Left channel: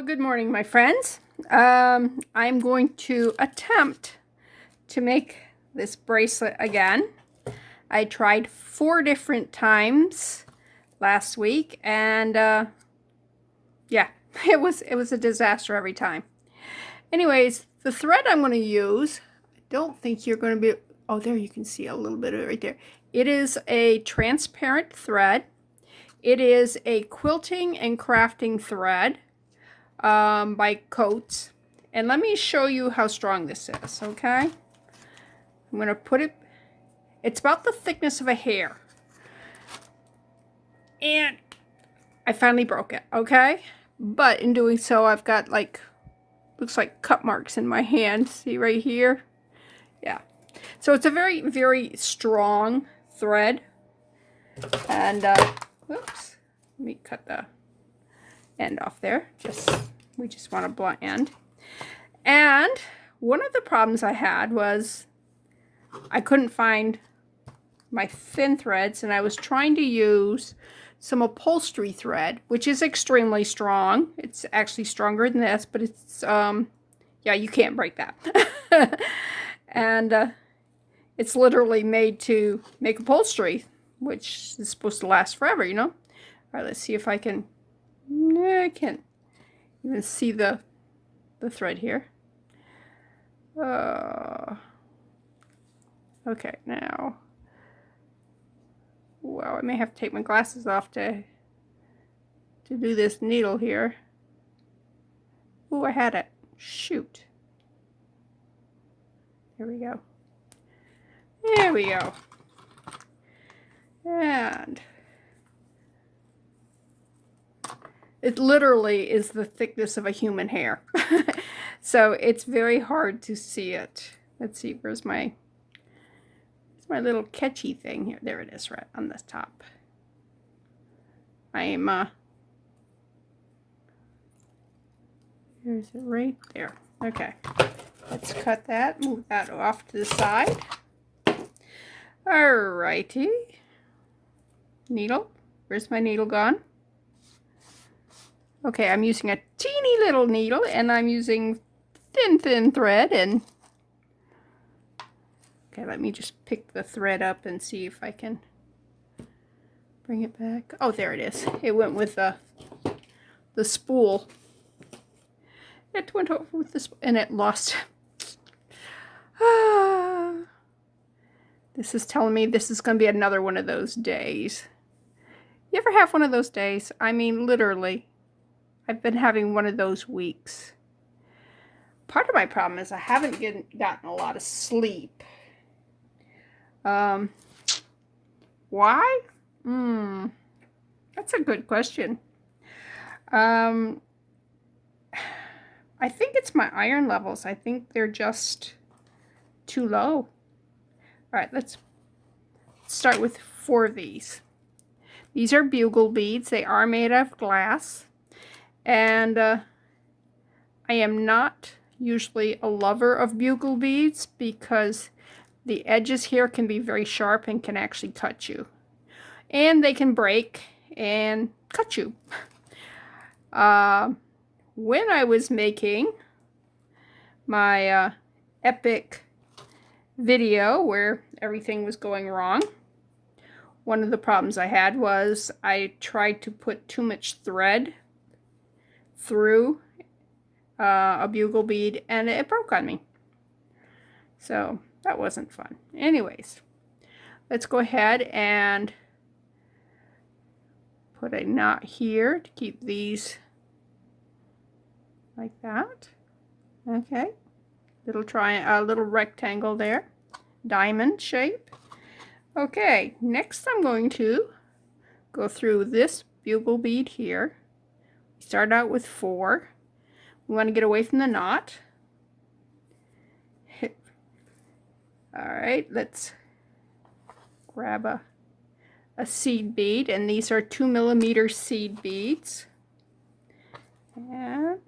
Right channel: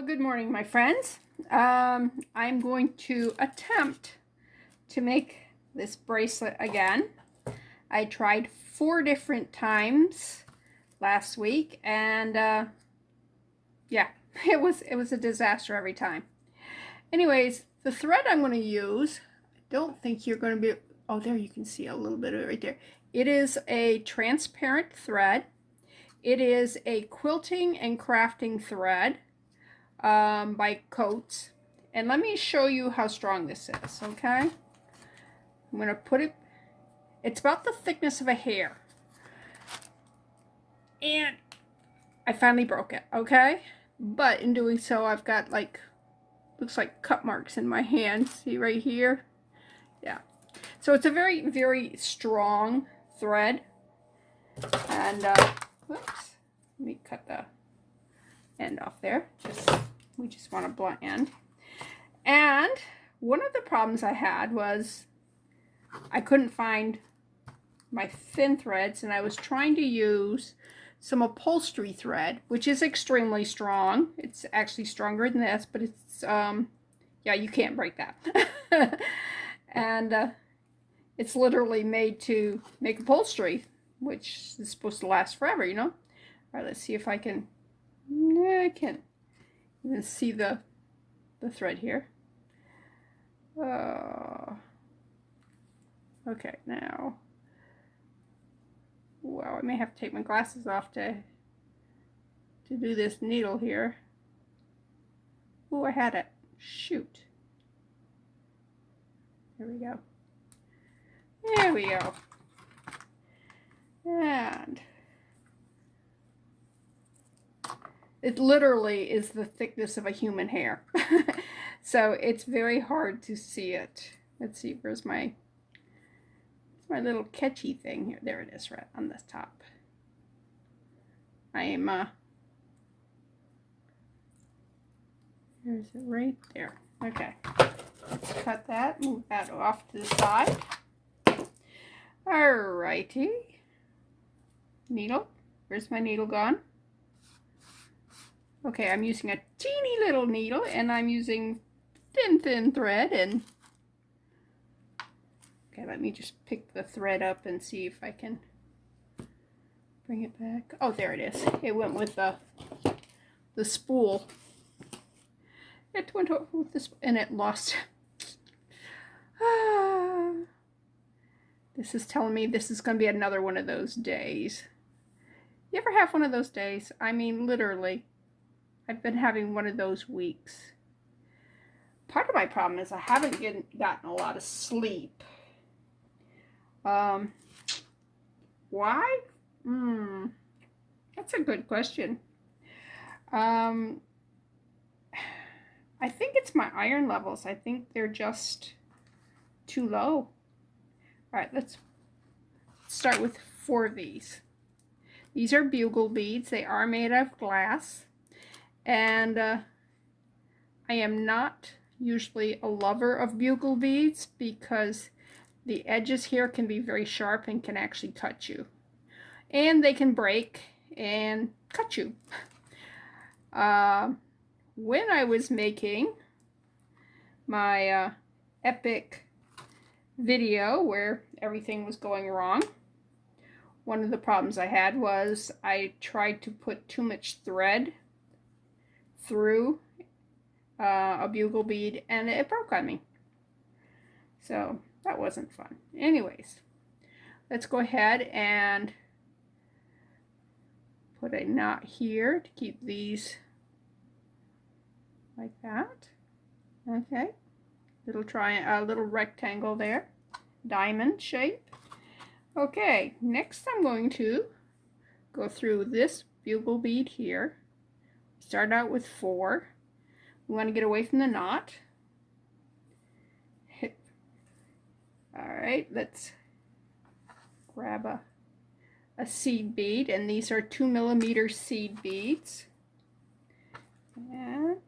Well, good morning, my friends. I'm going to attempt to make this bracelet again. I tried 4 different times last week, and yeah, it was a disaster every time. Anyways, the thread I'm going to use, I don't think you're going to be, oh, there you can see a little bit of it right there. It is a transparent thread. It is a quilting and crafting thread by Coats. And let me show you how strong this is, okay? I'm going to put it, it's about the thickness of a hair. And I finally broke it, okay? But in doing so, I've got like, looks like cut marks in my hand. See right here? Yeah. So it's a very, very strong thread. And, whoops, let me cut the end off there. We just want a blunt end. And one of the problems I had was I couldn't find my thin threads, and I was trying to use some upholstery thread, which is extremely strong. It's actually stronger than this, but it's, yeah, you can't break that. And it's literally made to make upholstery, which is supposed to last forever, you know? All right, let's see if I can, yeah, I can't even see the thread here. Okay, now, wow, I may have to take my glasses off to do this needle here. Oh, I had it. Shoot. There we go. There we go. And it literally is the thickness of a human hair. So it's very hard to see it. Let's see, where's my little catchy thing here? There it is, right on the top. I'm, there's it right there. Okay, let's cut that, move that off to the side. Alrighty. Needle, where's my needle gone? Okay, I'm using a teeny little needle, and I'm using thin thread, and okay, let me just pick the thread up and see if I can bring it back. Oh, there it is. It went with the spool. It went over with the spool, and it lost. This is telling me this is going to be another one of those days. You ever have one of those days? I mean, literally. I've been having one of those weeks. Part of my problem is I haven't gotten a lot of sleep. Why? That's a good question. I think it's my iron levels. I think they're just too low. All right, let's start with 4 of these. These are bugle beads. They are made of glass. And I am not usually a lover of bugle beads because the edges here can be very sharp and can actually cut you. And they can break and cut you. When I was making my epic video where everything was going wrong, one of the problems I had was I tried to put too much thread through a bugle bead, and it broke on me. So that wasn't fun. Anyways, let's go ahead and put a knot here to keep these like that. Okay, little rectangle there, diamond shape. Okay, next I'm going to go through this bugle bead here. Start out with 4. We want to get away from the knot. All right, let's grab a seed bead, and these are 2mm seed beads. And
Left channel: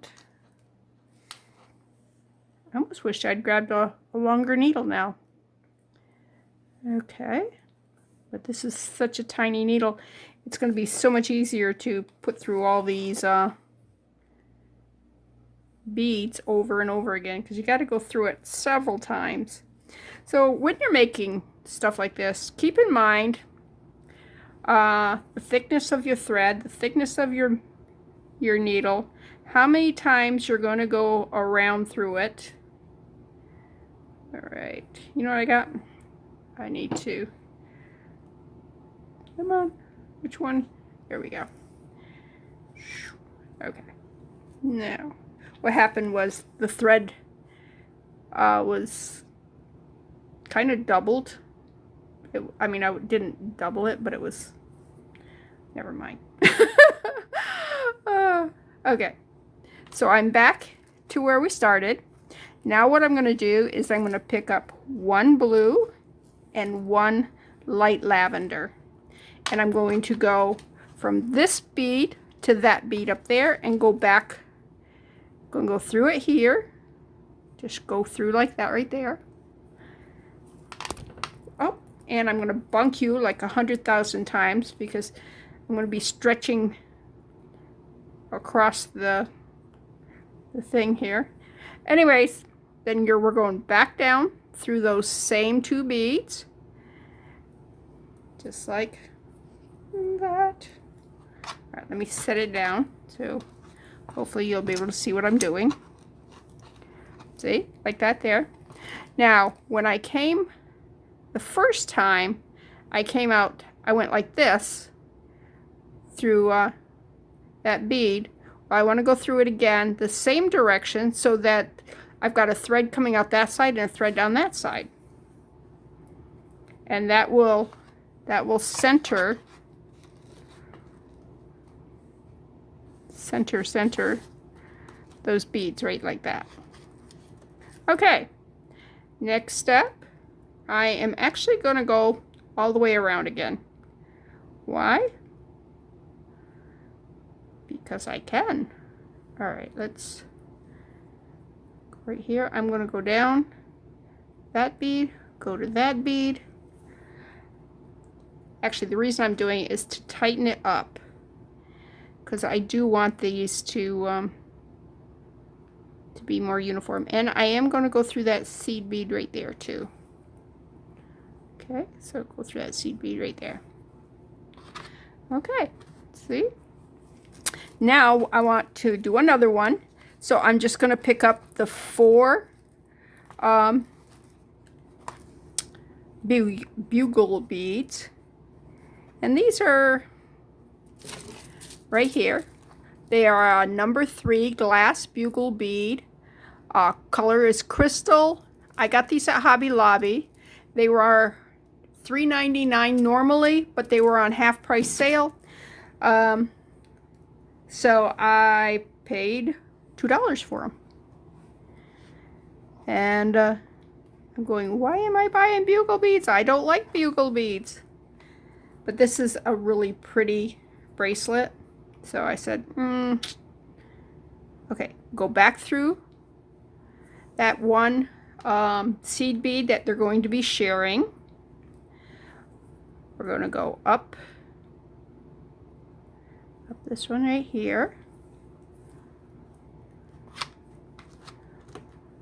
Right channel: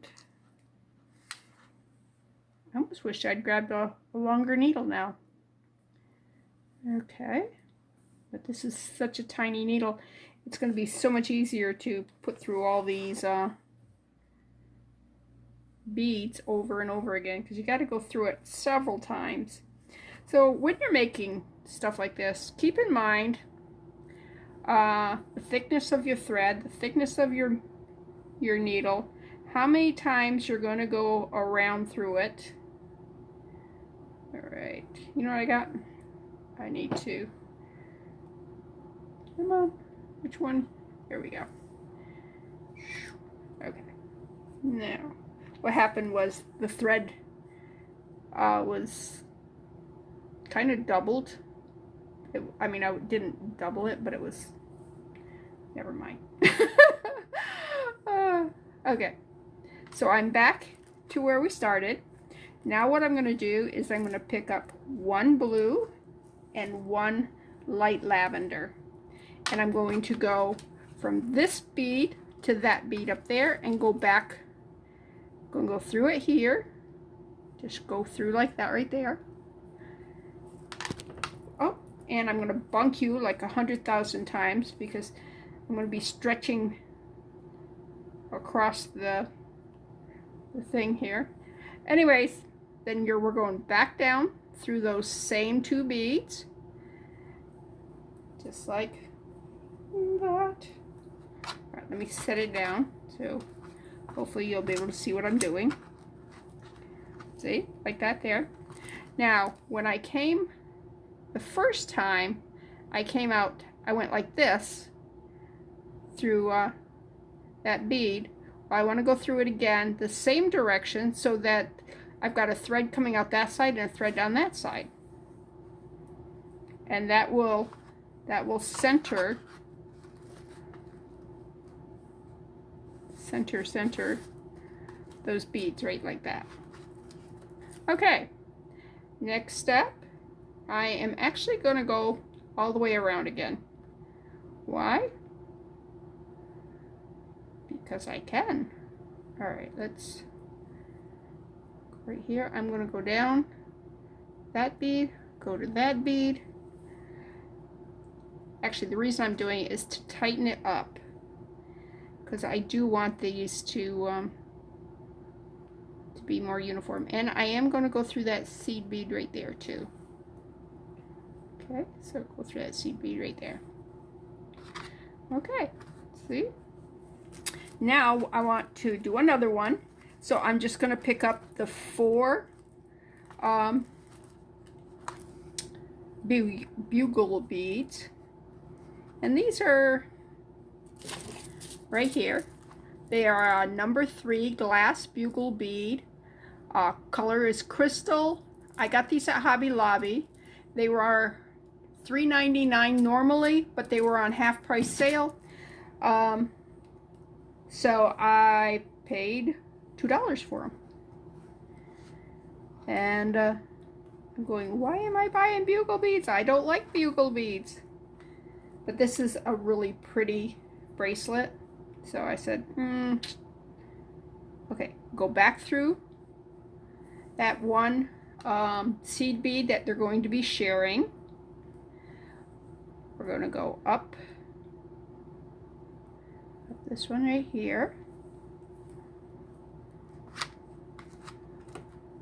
I almost wish I'd grabbed a longer needle now. Okay, but this is such a tiny needle. It's going to be so much easier to put through all these beads over and over again because you got to go through it several times. So when you're making stuff like this, keep in mind the thickness of your thread, the thickness of your needle, how many times you're going to go around through it. All right, you know what I got? I need to, come on, which one? There we go. Okay, now what happened was the thread was kind of doubled. I mean, I didn't double it, but it was, never mind. Okay, so I'm back to where we started. Now what I'm going to do is I'm going to pick up one blue and one light lavender, and I'm going to go from this bead to that bead up there and go back. I'm going to go through it here, just go through like that right there. Oh, and I'm going to bunk you like 100,000 times because I'm going to be stretching across the thing here. Anyways, then we're going back down through those same two beads, just like that. All right, let me set it down so hopefully you'll be able to see what I'm doing. See, like that there. Now, when I came the first time, I came out, I went like this through that bead. Well, I want to go through it again the same direction so that I've got a thread coming out that side and a thread down that side, and that will center those beads right like that. Okay, next step, I am actually going to go all the way around again. Why? Because I can. All right, let's go right here. I'm going to go down that bead, go to that bead. Actually, the reason I'm doing it is to tighten it up because I do want these to be more uniform, and I am going to go through that seed bead right there too. Okay, so go through that seed bead right there. Okay, see? Now I want to do another one, so I'm just going to pick up the 4 bugle beads, and these are right here. They are a number 3 glass bugle bead. Color is crystal. I got these at Hobby Lobby. They were $3.99 normally, but they were on half price sale. So I paid $2 for them. And I'm going, why am I buying bugle beads? I don't like bugle beads. But this is a really pretty bracelet. So I said, okay, go back through that one seed bead that they're going to be sharing. We're going to go up this one right here.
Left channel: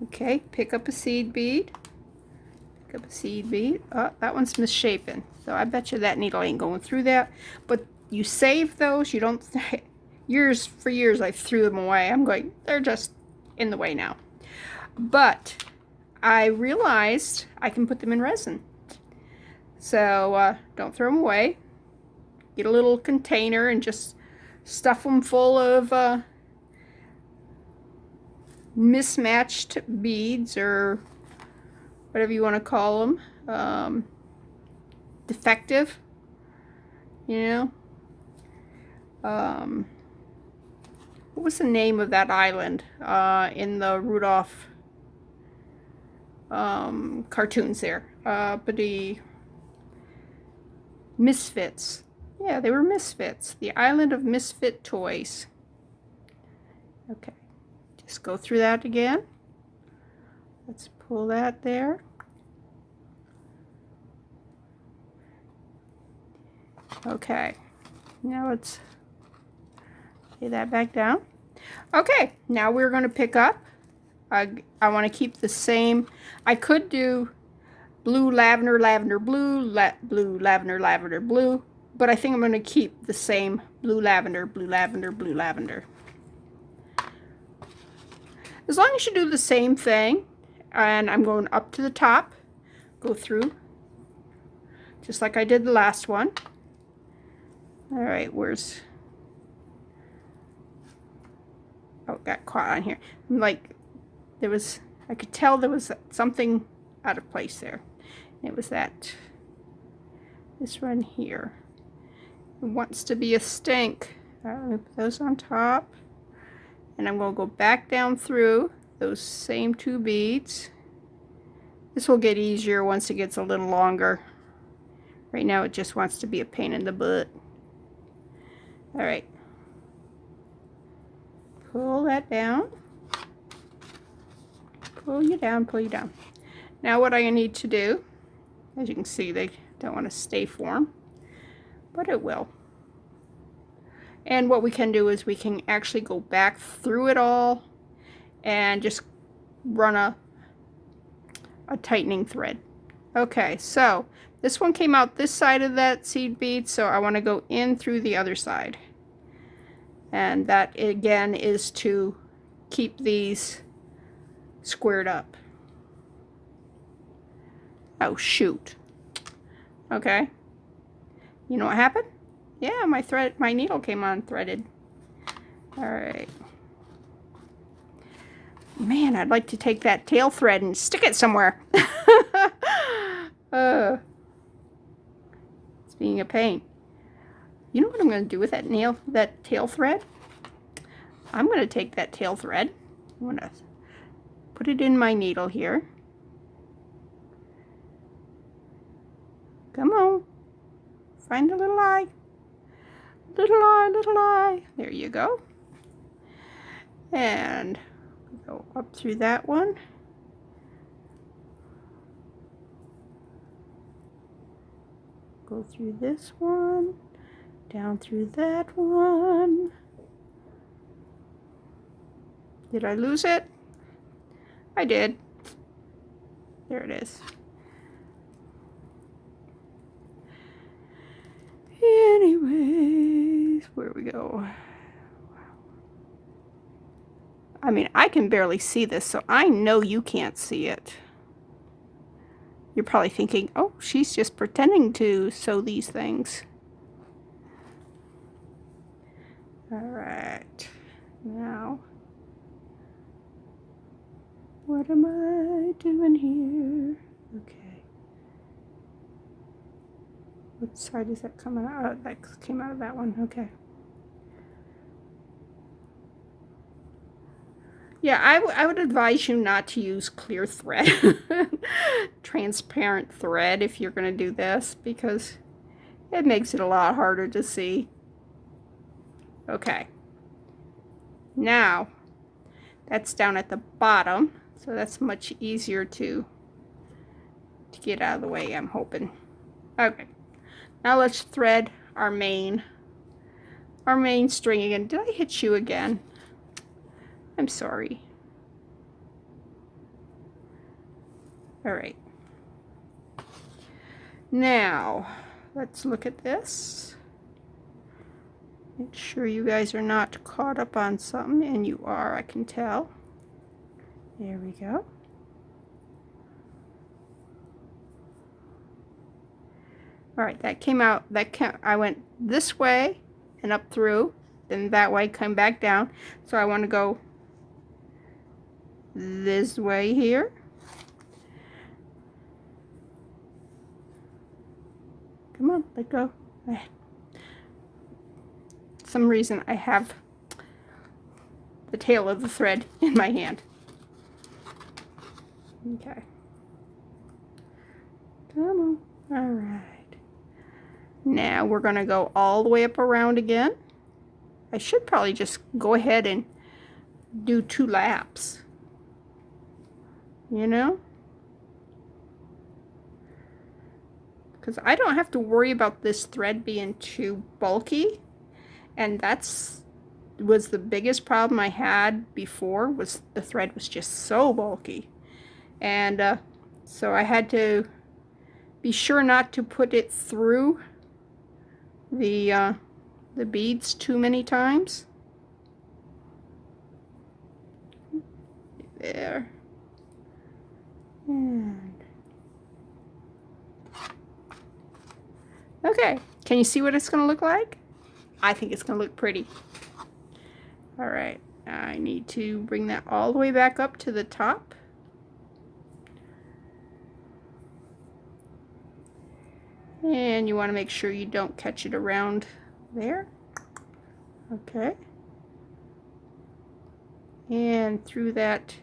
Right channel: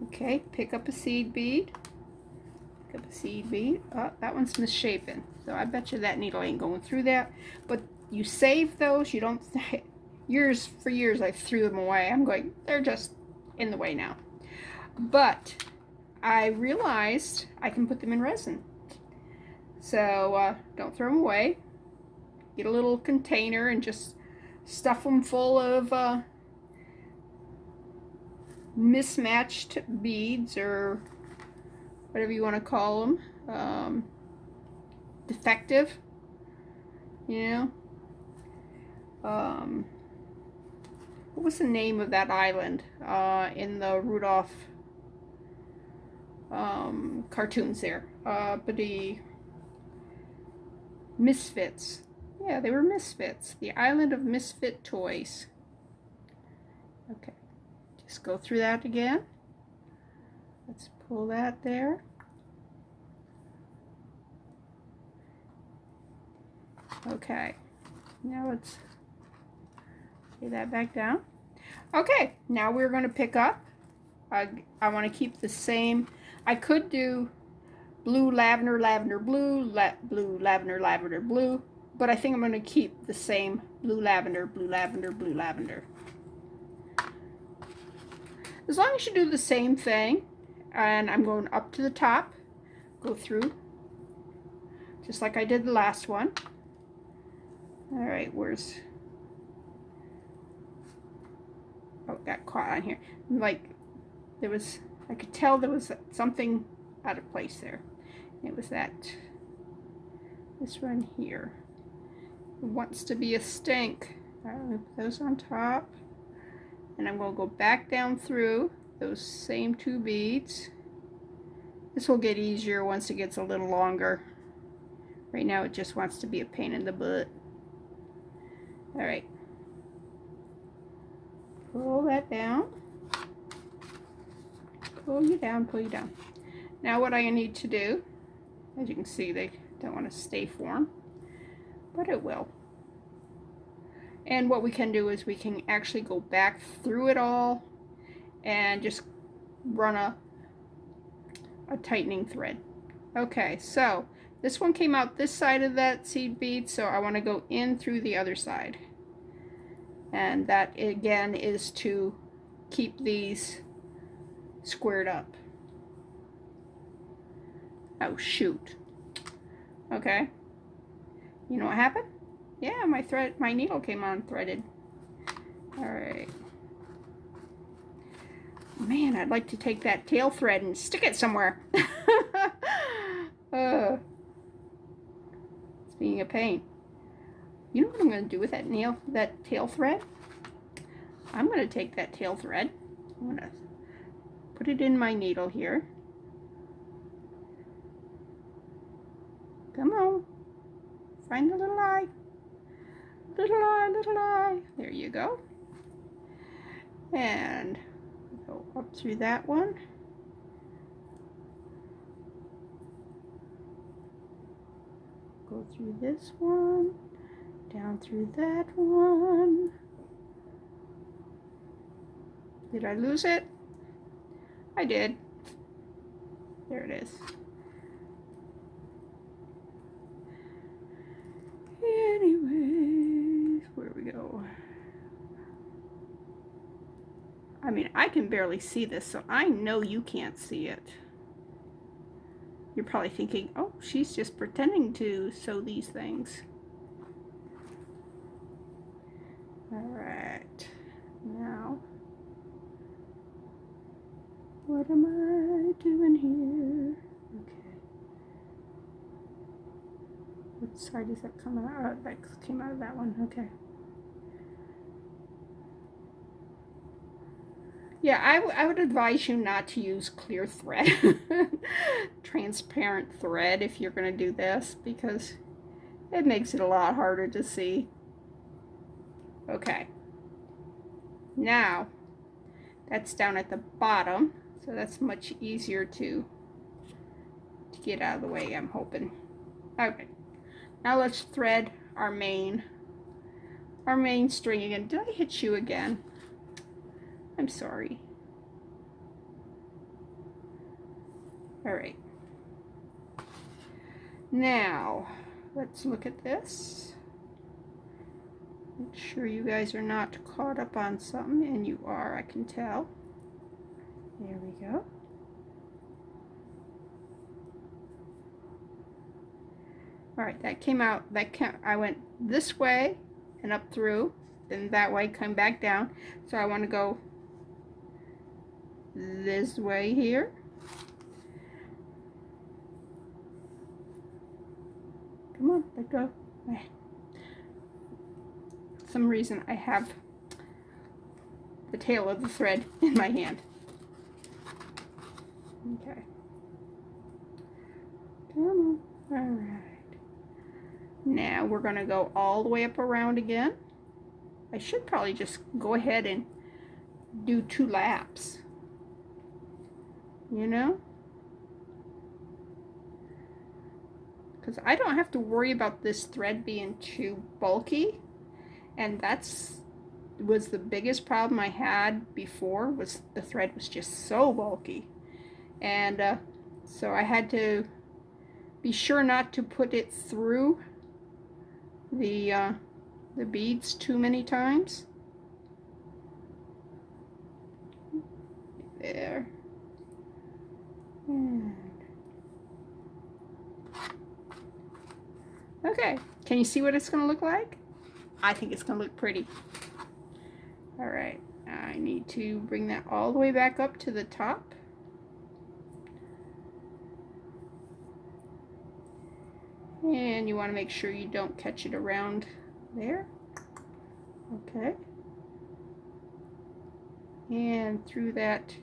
Okay, pick up a seed bead. Pick up a seed bead. Oh, that one's misshapen. So I bet you that needle ain't going through that. But you save those. You don't. For years I threw them away. I'm going, they're just in the way now. But I realized I can put them in resin. So don't throw them away. Get a little container and just stuff them full of mismatched beads, or whatever you want to call them, defective, you know. What was the name of that island in the Rudolph cartoons there? But the Misfits. Yeah, they were Misfits. The Island of Misfit Toys. Okay, just go through that again. Let's pull that there. Okay, now let's lay that back down. Okay, now we're going to pick up. I want to keep the same. I could do blue, lavender, lavender, blue, blue, lavender, lavender, blue, but I think I'm going to keep the same blue, lavender, blue, lavender, blue, lavender. As long as you do the same thing, and I'm going up to the top, go through, just like I did the last one. All right, where's, oh, got caught on here. Like, there was, I could tell there was something out of place there. It was this one here. It wants to be a stink. Put those on top. And I'm going to go back down through those same 2 beads. This will get easier once it gets a little longer. Right now it just wants to be a pain in the butt. All right. Pull that down. Pull you down, pull you down. Now what I need to do, as you can see, they don't want to stay form, but it will. And what we can do is we can actually go back through it all and just run a tightening thread. Okay, so this one came out this side of that seed bead, so I want to go in through the other side. And that again is to keep these squared up. Oh shoot. Okay. You know what happened? Yeah, my needle came unthreaded. All right. Man, I'd like to take that tail thread and stick it somewhere. It's being a pain. You know what I'm going to do with that tail thread? I'm going to take that tail thread. I'm going to put it in my needle here. Come on. Find the little eye. Little eye, little eye. There you go. And go up through that one. Go through this one. Down through that one. Did I lose it? I did. There it is. Anyways, where we go? I mean, I can barely see this, so I know you can't see it. You're probably thinking, oh, she's just pretending to sew these things. All right, now, what am I doing here? Okay. What side is that coming out? Oh, that came out of that one. Okay. Yeah, I would advise you not to use clear thread, transparent thread if you're going to do this, because it makes it a lot harder to see. Okay. Now, that's down at the bottom, so that's much easier to get out of the way, I'm hoping. Okay. Now let's thread our main string again. Did I hit you again? I'm sorry. All right. Now, let's look at this. Make sure you guys are not caught up on something, and you are, I can tell. There we go. All right, that came out, I went this way and up through, then that way, come back down. So I want to go this way here. Come on, let go. For some reason I have the tail of the thread in my hand. Okay. Come on. All right. Now we're going to go all the way up around again. I should probably just go ahead and do 2 laps. You know? Because I don't have to worry about this thread being too bulky. And that's was the biggest problem I had before, was the thread was just so bulky. And so I had to be sure not to put it through the beads too many times. There. And okay, can you see what it's going to look like? I think it's going to look pretty. All right, I need to bring that all the way back up to the top. And you want to make sure you don't catch it around there. Okay. And through that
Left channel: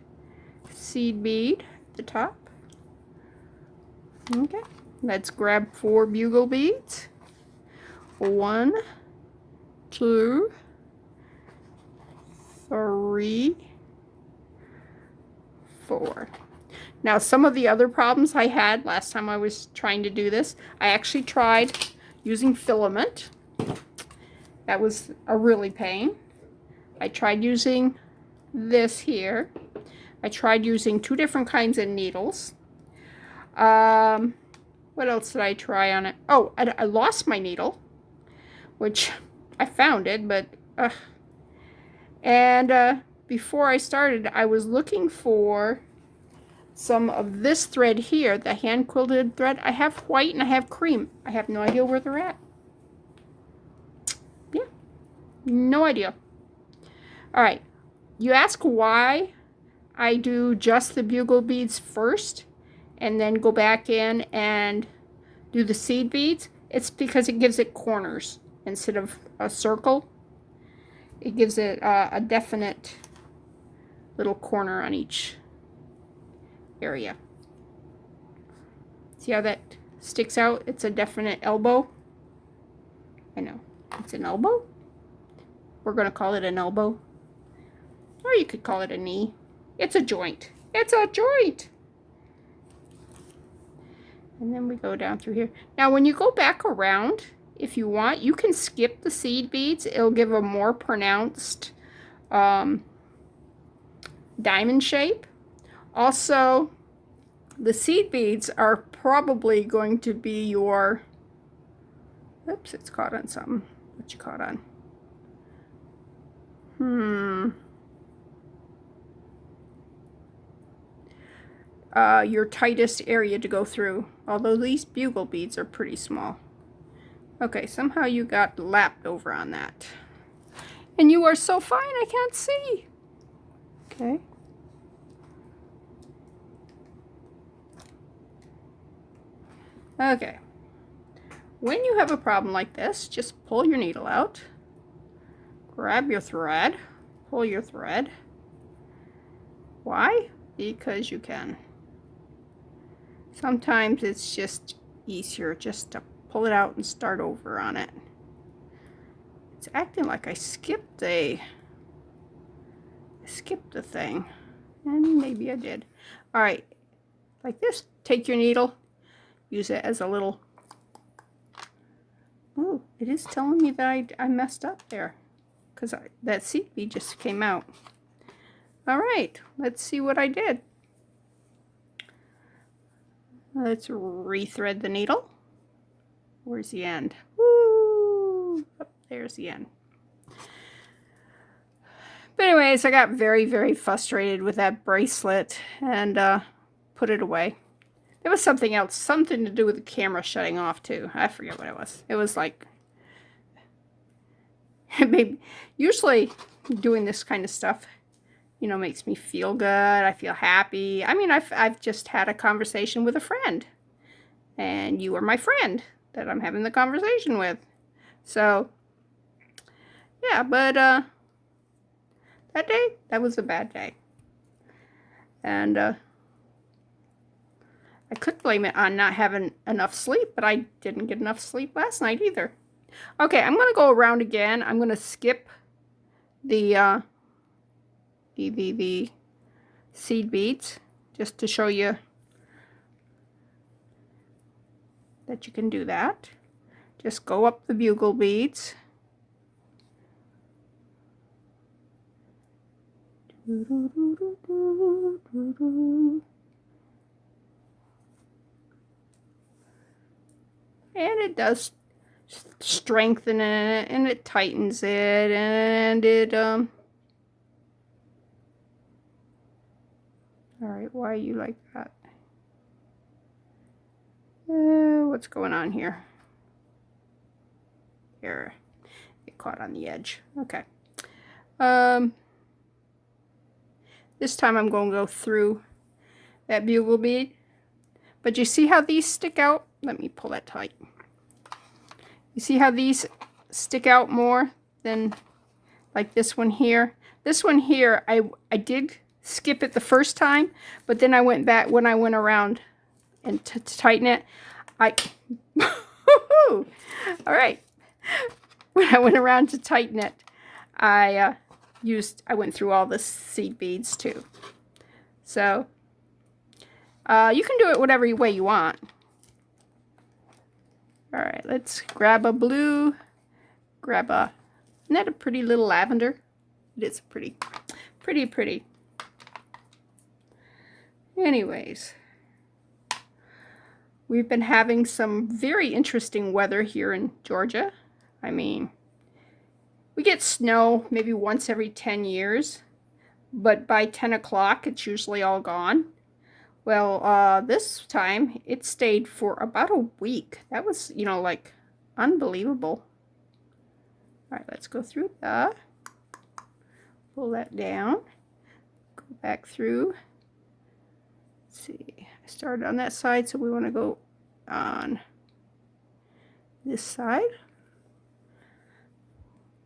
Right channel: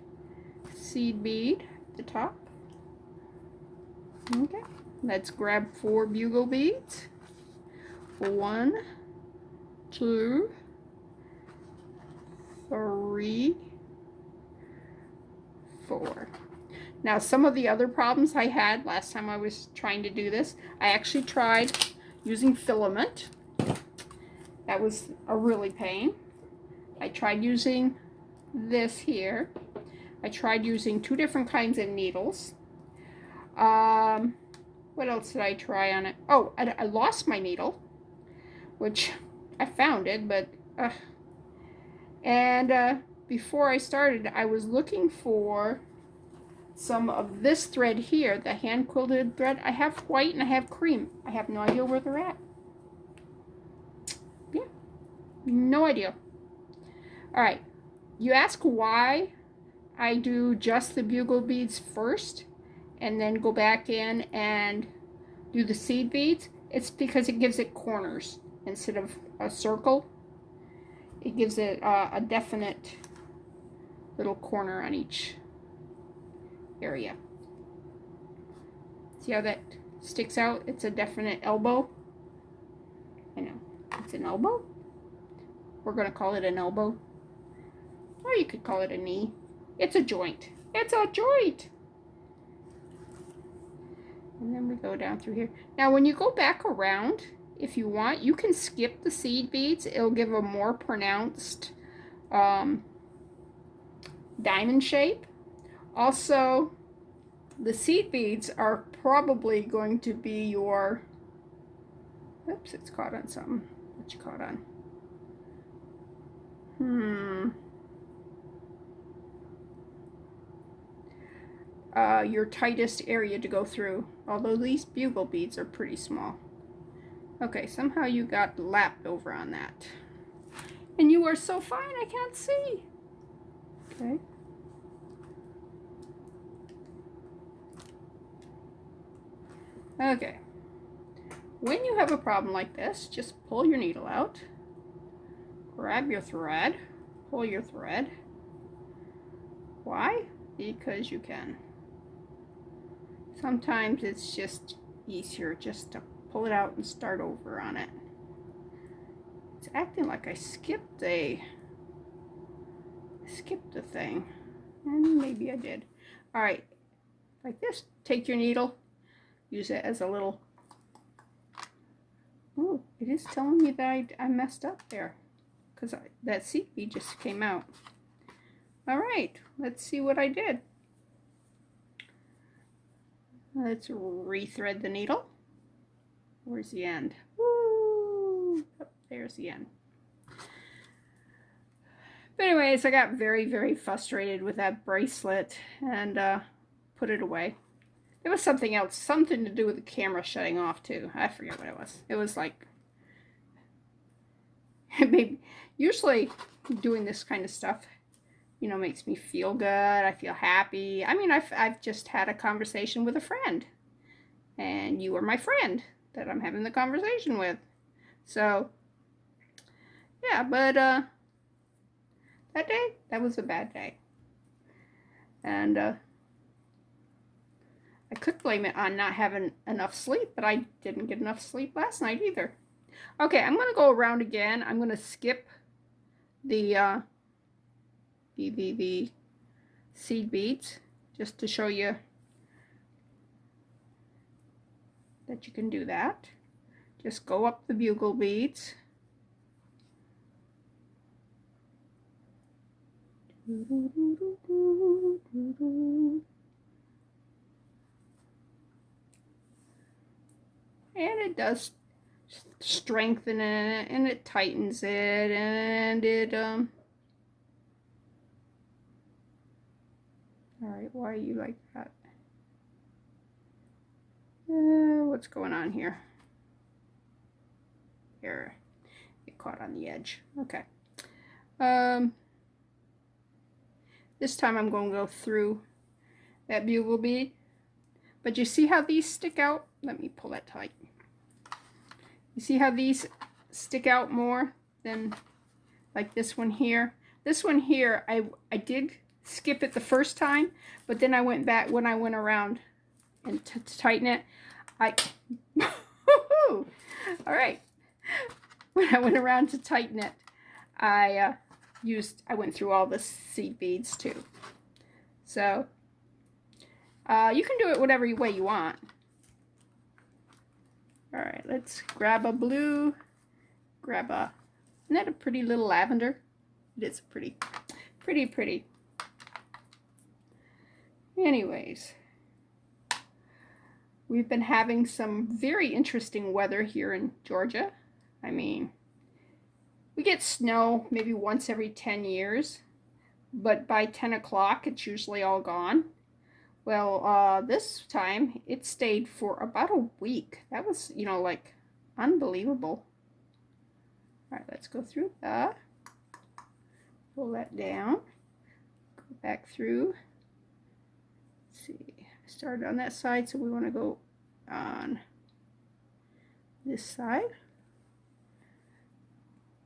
seed bead at the top. Okay. Let's grab 4 bugle beads. 1, 2, 3, 4. Now, some of the other problems I had last time I was trying to do this, I actually tried using filament. That was a really pain. I tried using this here. I tried using 2 different kinds of needles. What else did I try on it? Oh, I lost my needle, which I found it, but before I started, I was looking for some of this thread here, the hand quilted thread. I have white and I have cream. I have no idea where they're at. Yeah, no idea. All right, you ask why I do just the bugle beads first and then go back in and do the seed beads. It's because it gives it corners instead of a circle. It gives it a definite little corner on each area. See how that sticks out? It's a definite elbow. I know, it's an elbow. We're going to call it an elbow. Or you could call it a knee. It's a joint. It's a joint. And then we go down through here. Now, when you go back around, if you want, you can skip the seed beads. It'll give a more pronounced diamond shape. Also, the seed beads are probably going to be your, oops, it's caught on something. What you caught on? Your tightest area to go through, although these bugle beads are pretty small. Okay, somehow you got lapped over on that. And you are so fine, I can't see. Okay. Okay. When you have a problem like this, just pull your needle out, grab your thread, pull your thread. Why? Because you can. Sometimes it's just easier just to pull it out and start over on it. It's acting like I skipped the thing, and maybe I did. All right, like this. Take your needle, use it as a little. Oh, it is telling me that I messed up there because that seed bead just came out. All right, let's see what I did. Let's rethread the needle. Where's the end? Woo! Oh, there's the end. But anyways, I got very, very frustrated with that bracelet and put it away. There was something else, something to do with the camera shutting off too. I forget what it was. It was like, maybe, usually doing this kind of stuff, you know, makes me feel good. I feel happy. I mean, I've just had a conversation with a friend, and you are my friend that I'm having the conversation with. So, yeah, but that day, that was a bad day. And I could blame it on not having enough sleep, but I didn't get enough sleep last night either. Okay, I'm going to go around again. I'm going to skip the seed beads just to show you that you can do that. Just go up the bugle beads And it does strengthen it, and it tightens it, and it all right, why are you like that? What's going on here? Here, get caught on the edge. Okay. This time I'm going to go through that bugle bead. But you see how these stick out? Let me pull that tight. You see how these stick out more than like this one here? This one here, I did skip it the first time, but then I went back when I went around and to tighten it. All right. When I went around to tighten it, I went through all the seed beads too. So you can do it whatever way you want. All right, let's grab a blue, isn't that a pretty little lavender? It is pretty. Anyways, we've been having some very interesting weather here in Georgia. I mean, we get snow maybe once every 10 years, but by 10 o'clock, it's usually all gone. Well, this time it stayed for about a week. That was, you know, like unbelievable. All right, let's go through that. Pull that down. Go back through. Let's see. I started on that side, so we want to go on this side.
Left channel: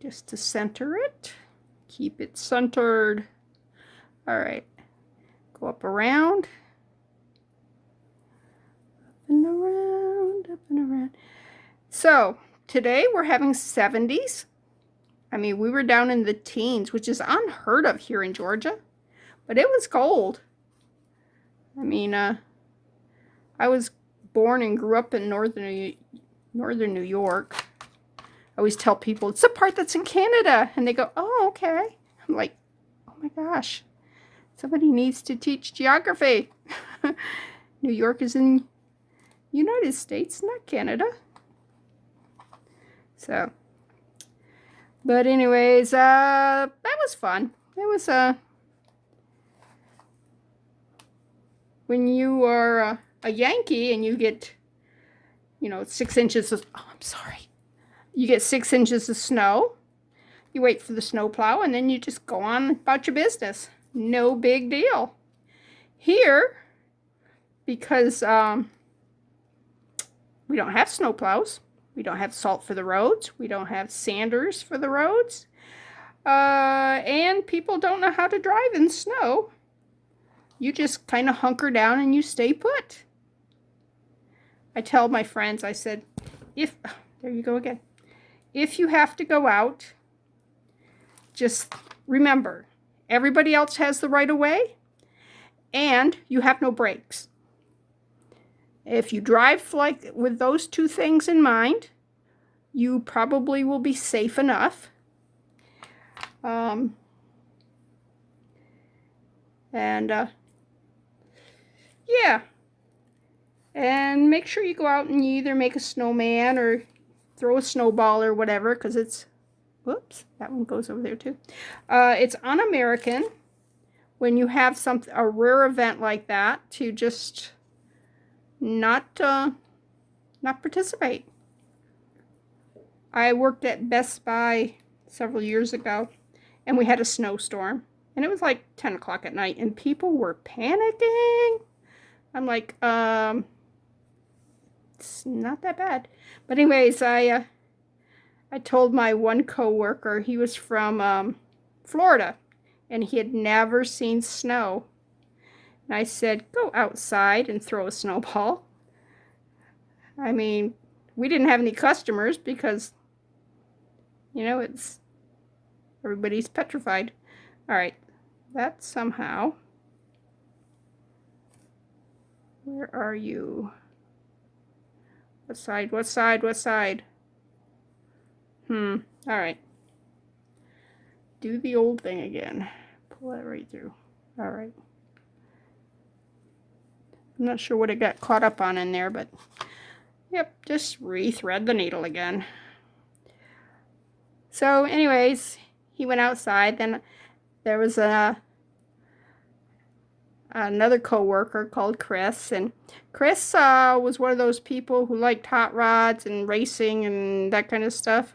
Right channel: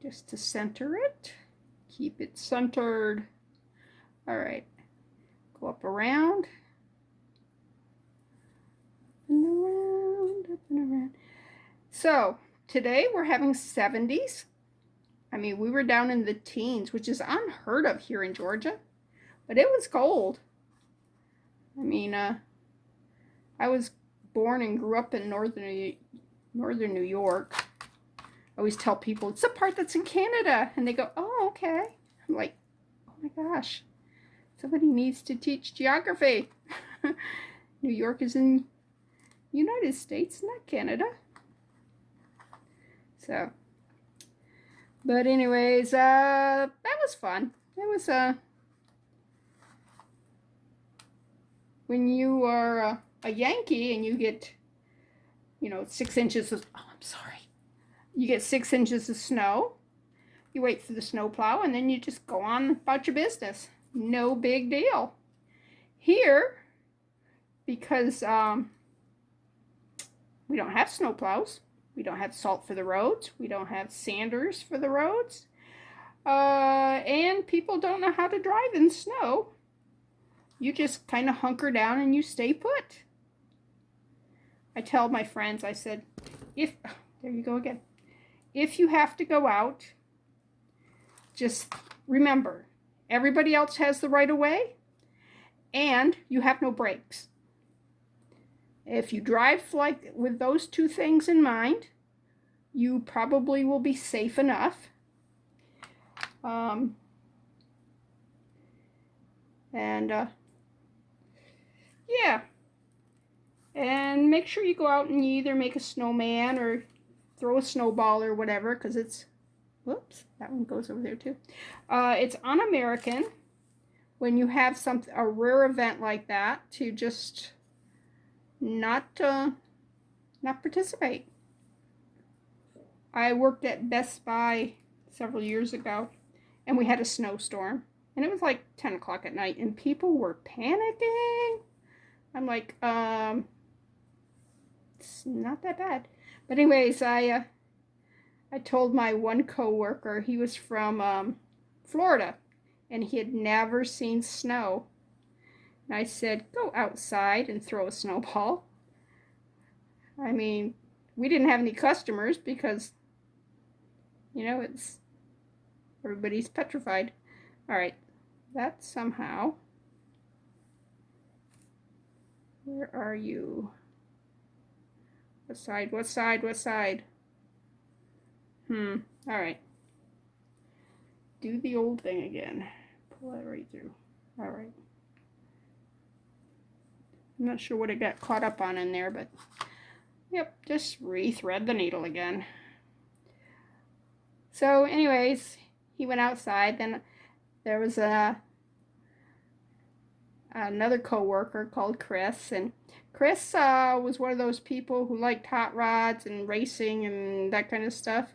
Just to center it. Keep it centered. All right. Go up around. Up and around. So today we're having 70s. I mean, we were down in the teens, which is unheard of here in Georgia, but it was cold. I mean, I was born and grew up in northern New York. I always tell people it's the part that's in Canada, and they go, "Oh, okay." I'm like, "Oh my gosh, somebody needs to teach geography." New York is in United States, not Canada. So, but anyways, that was fun. It was when you are a Yankee and you get, you know, 6 inches of, oh, I'm sorry. You get 6 inches of snow. You wait for the snowplow and then you just go on about your business. No big deal. Here, because we don't have snowplows. We don't have salt for the roads. We don't have sanders for the roads. And people don't know how to drive in snow. You just kind of hunker down and you stay put. I tell my friends, I said, there you go again. If you have to go out, just remember, everybody else has the right of way and you have no brakes. If you drive like with those two things in mind, you probably will be safe enough. Yeah. And make sure you go out and you either make a snowman or throw a snowball or whatever, because it's, whoops, that one goes over there too. It's un-American when you have a rare event like that to just not participate. I worked at Best Buy several years ago, and we had a snowstorm, and it was like 10 o'clock at night, and people were panicking. I'm like, it's not that bad. But anyways, I told my one coworker, he was from Florida, and he had never seen snow. And I said, go outside and throw a snowball. I mean, we didn't have any customers because, you know, everybody's petrified. All right, that somehow, where are you? What side, what side, what side? All right. Do the old thing again. pull it right through. All right. I'm not sure what it got caught up on in there, but yep, just re-thread the needle again. So anyways, he went outside. Then there was another co-worker called Chris, and Chris was one of those people who liked hot rods and racing and that kind of stuff.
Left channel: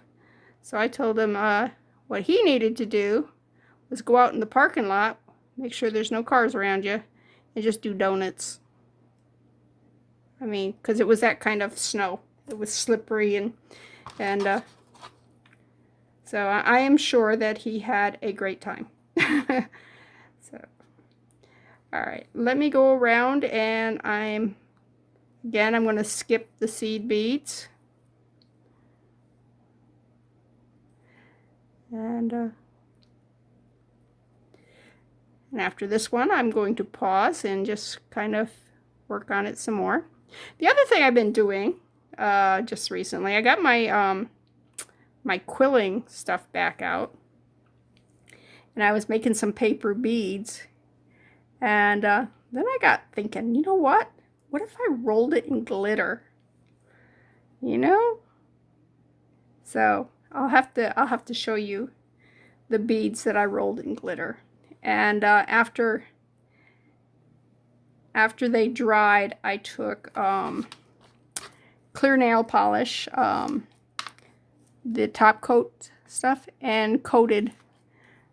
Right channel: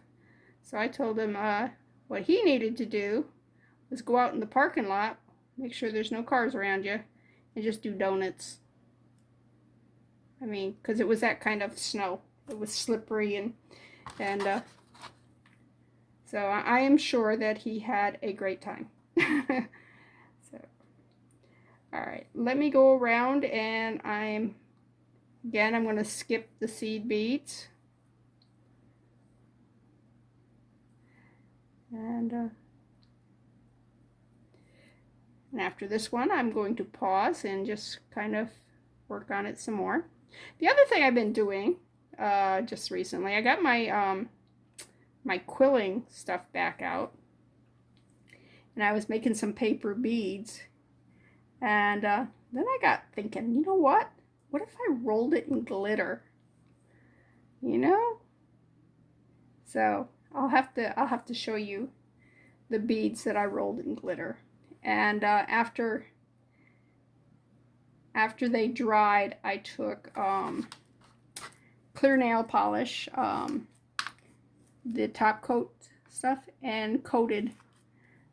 So I told him what he needed to do was go out in the parking lot, make sure there's no cars around you, and just do donuts. I mean, because it was that kind of snow. It was slippery, and so I am sure that he had a great time. So, all right, let me go around, and I'm going to skip the seed beads. And after this one, I'm going to pause and just kind of work on it some more. The other thing I've been doing just recently, I got my my quilling stuff back out, and I was making some paper beads, and then I got thinking, you know what? What if I rolled it in glitter? You know? So I'll have to show you the beads that I rolled in glitter. And after they dried, I took clear nail polish, the top coat stuff, and coated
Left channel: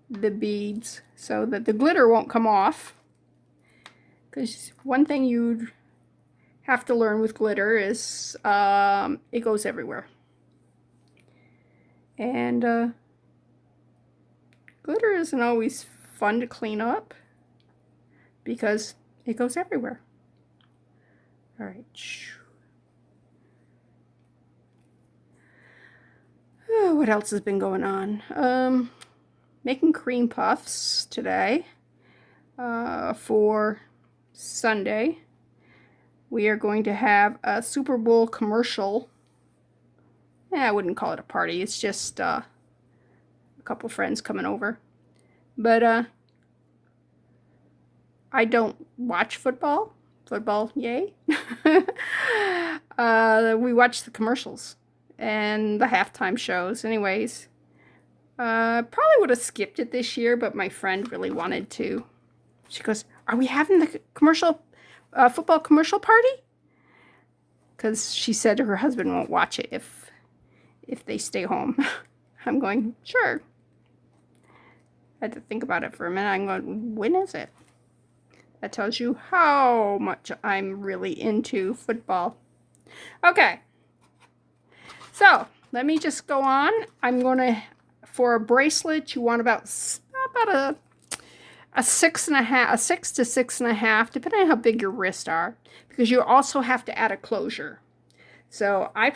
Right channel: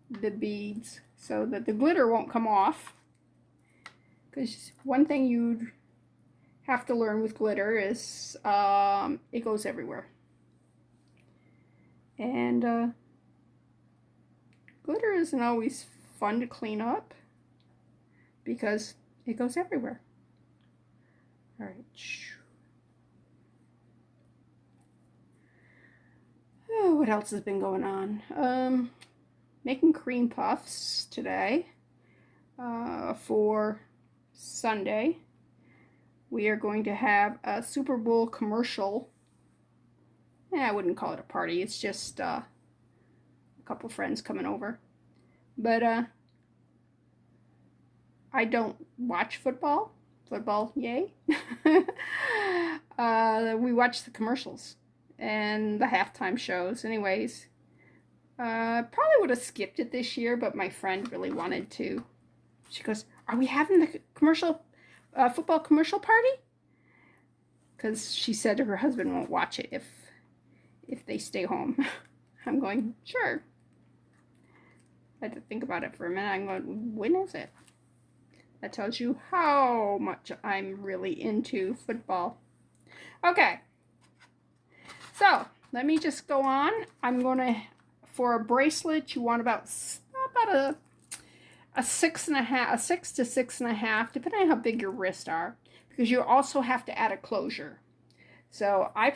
the beads so that the glitter won't come off. Because one thing you have to learn with glitter is it goes everywhere. And glitter isn't always fun to clean up because it goes everywhere. All right. Oh, what else has been going on? Making cream puffs today for Sunday. We are going to have a Super Bowl commercial. I wouldn't call it a party. It's just a couple friends coming over. But I don't watch football. Football, yay. We watch the commercials and the halftime shows. Anyways, probably would have skipped it this year, but my friend really wanted to. She goes, "Are we having the football commercial party?" Because she said her husband won't watch it if they stay home. I'm going, sure. I had to think about it for a minute. I'm going, when is it? That tells you how much I'm really into football. Okay. So, let me just go on. I'm going to, for a bracelet, you want about a 6 to 6.5, depending on how big your wrists are, because you also have to add a closure. So I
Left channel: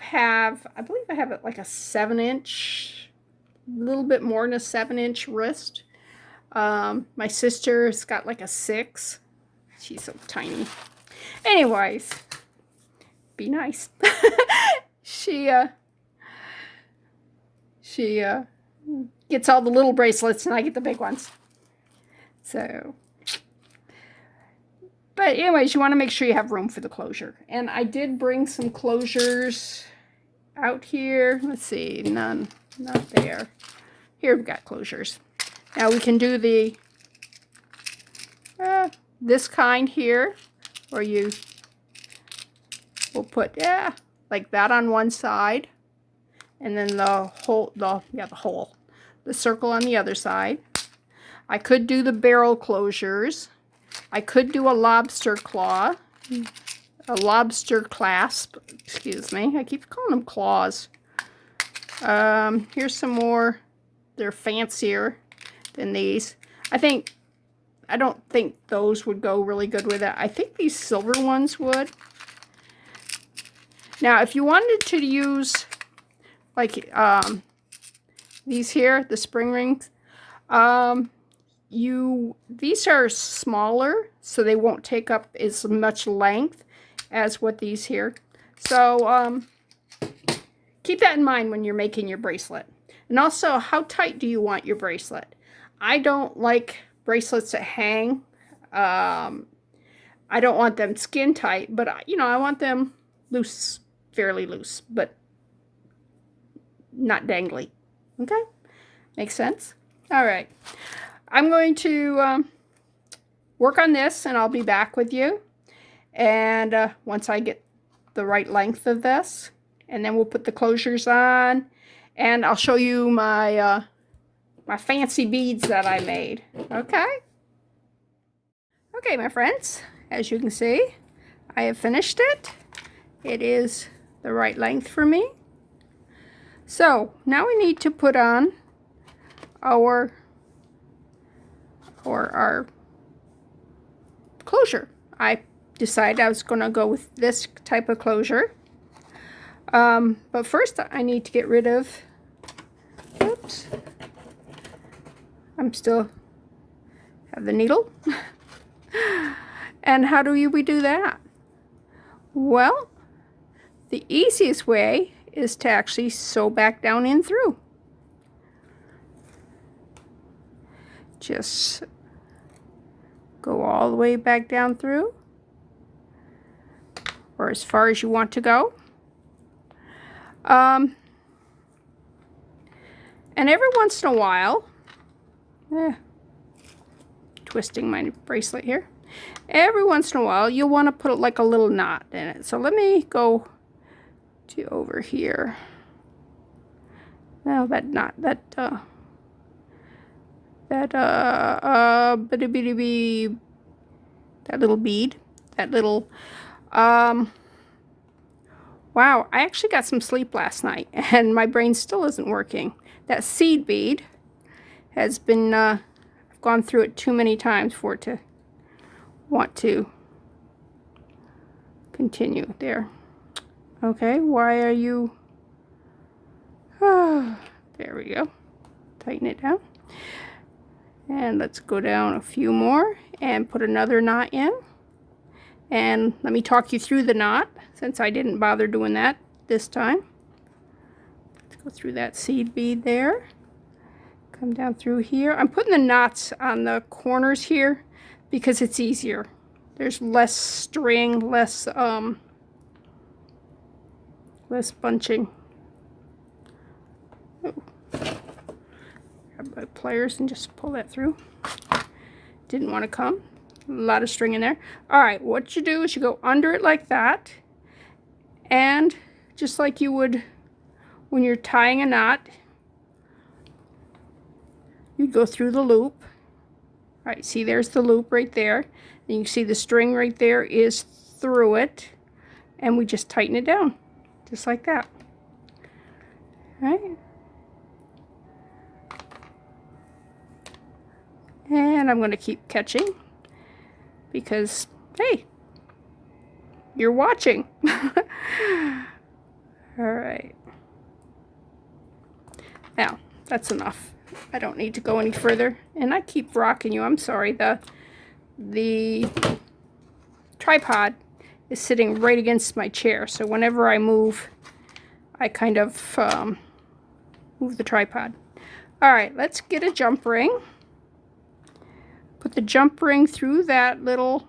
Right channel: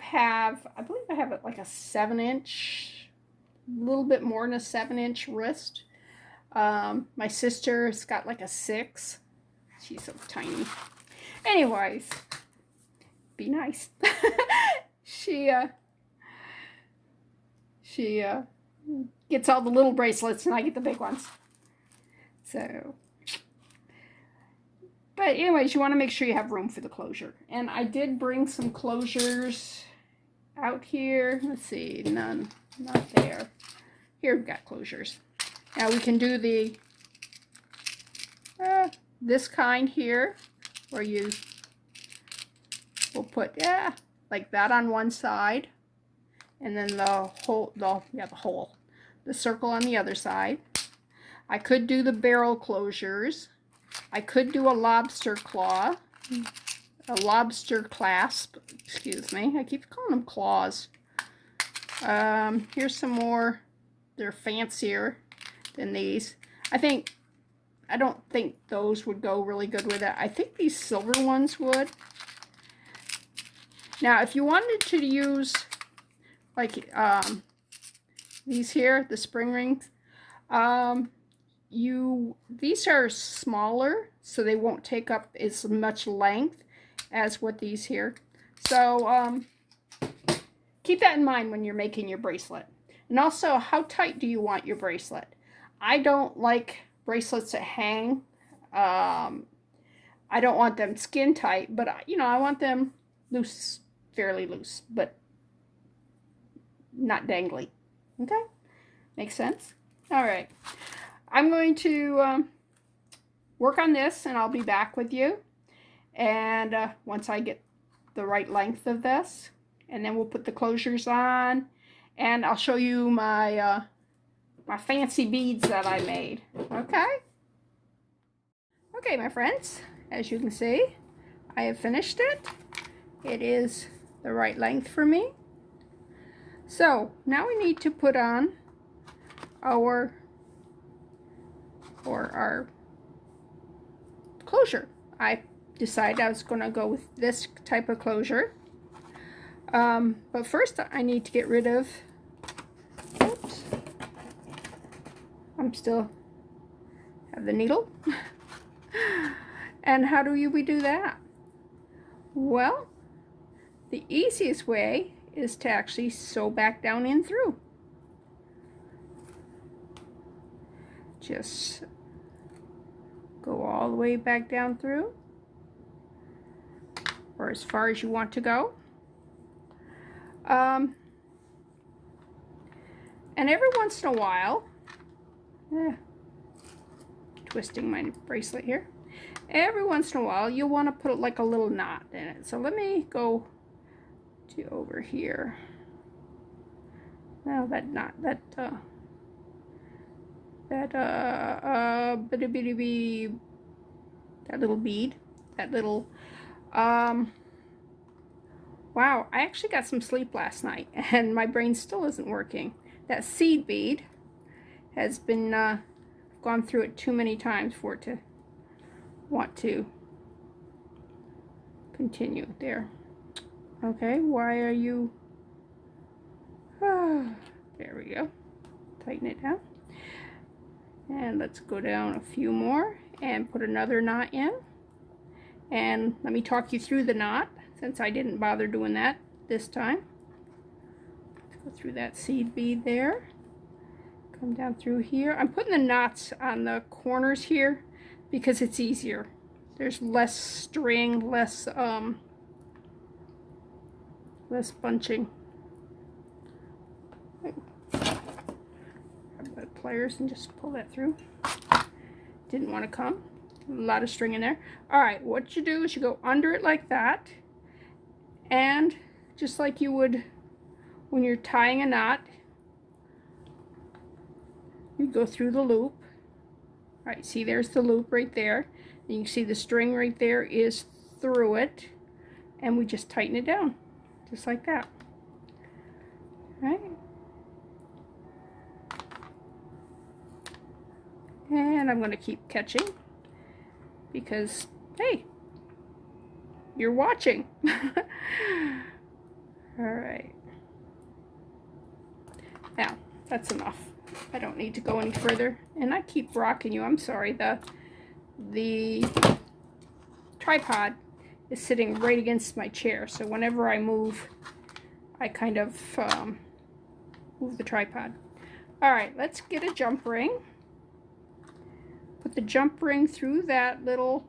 believe I have like a 7-inch, a little bit more than a 7-inch wrist. My sister's got like a 6. She's so tiny. Anyways, be nice. She gets all the little bracelets and I get the big ones. So, but anyways, you want to make sure you have room for the closure. And I did bring some closures out here. Let's see, none, not there. Here we've got closures. Now we can do the this kind here, where you will put like that on one side, and then the circle on the other side. I could do the barrel closures. I could do a lobster claw, a lobster clasp, excuse me. I keep calling them claws. Here's some more. They're fancier than these. I don't think those would go really good with it. I think these silver ones would. Now, if you wanted to use like these here, the spring rings, these are smaller, so they won't take up as much length as what these here. So keep that in mind when you're making your bracelet. And also, how tight do you want your bracelet? I don't like bracelets that hang. I don't want them skin tight, but you know, I want them loose, fairly loose, but not dangly. Okay? Makes sense? All right. I'm going to work on this, and I'll be back with you. And once I get the right length of this, and then we'll put the closures on, and I'll show you my my fancy beads that I made. Okay? Okay, my friends, as you can see, I have finished it. It is the right length for me. So now we need to put on our closure. I decided I was going to go with this type of closure. But first I need to get rid of, oops, I'm still have the needle. And how do we do that? Well, the easiest way is to actually sew back down in through. Just go all the way back down through, or as far as you want to go. And every once in a while, twisting my bracelet here. Every once in a while, you'll want to put like a little knot in it. So let me go to over here. Now that knot, that little bead, that little, wow, I actually got some sleep last night, and my brain still isn't working. That seed bead has been, I've gone through it too many times for it to want to continue there. Okay, why are you, there we go, tighten it down. And let's go down a few more and put another knot in. And let me talk you through the knot, since I didn't bother doing that this time. Let's go through that seed bead there. Come down through here. I'm putting the knots on the corners here because it's easier. There's less string, less bunching. Oh. Grab my pliers and just pull that through. Didn't want to come. A lot of string in there. All right, what you do is you go under it like that, and just like you would when you're tying a knot, you go through the loop. All right, see, there's the loop right there. And you can see the string right there is through it, and we just tighten it down, just like that. All right. And I'm going to keep catching because, hey, you're watching. All right. Now, that's enough. I don't need to go any further. And I keep rocking you. I'm sorry. The tripod is sitting right against my chair. So whenever I move, I kind of move the tripod. All right, let's get a jump ring. Put the jump ring through that little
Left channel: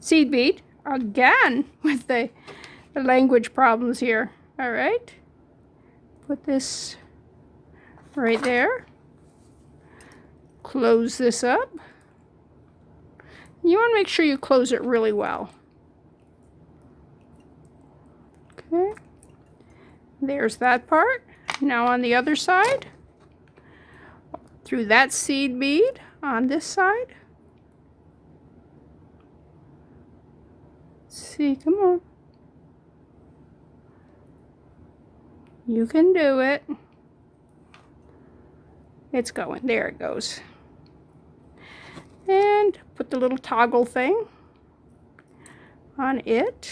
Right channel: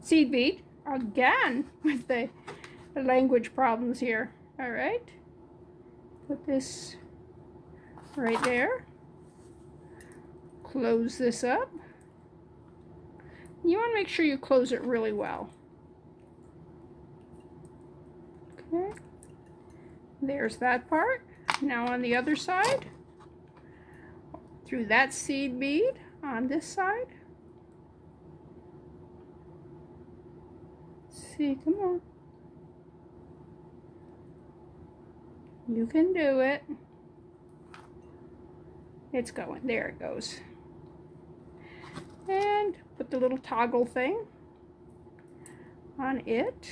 seed bead again with the language problems here. All right, put this right there. Close this up. You want to make sure you close it really well. Okay, there's that part. Now on the other side, through that seed bead on this side. See, come on. You can do it. It's going. There it goes. And put the little toggle thing on it.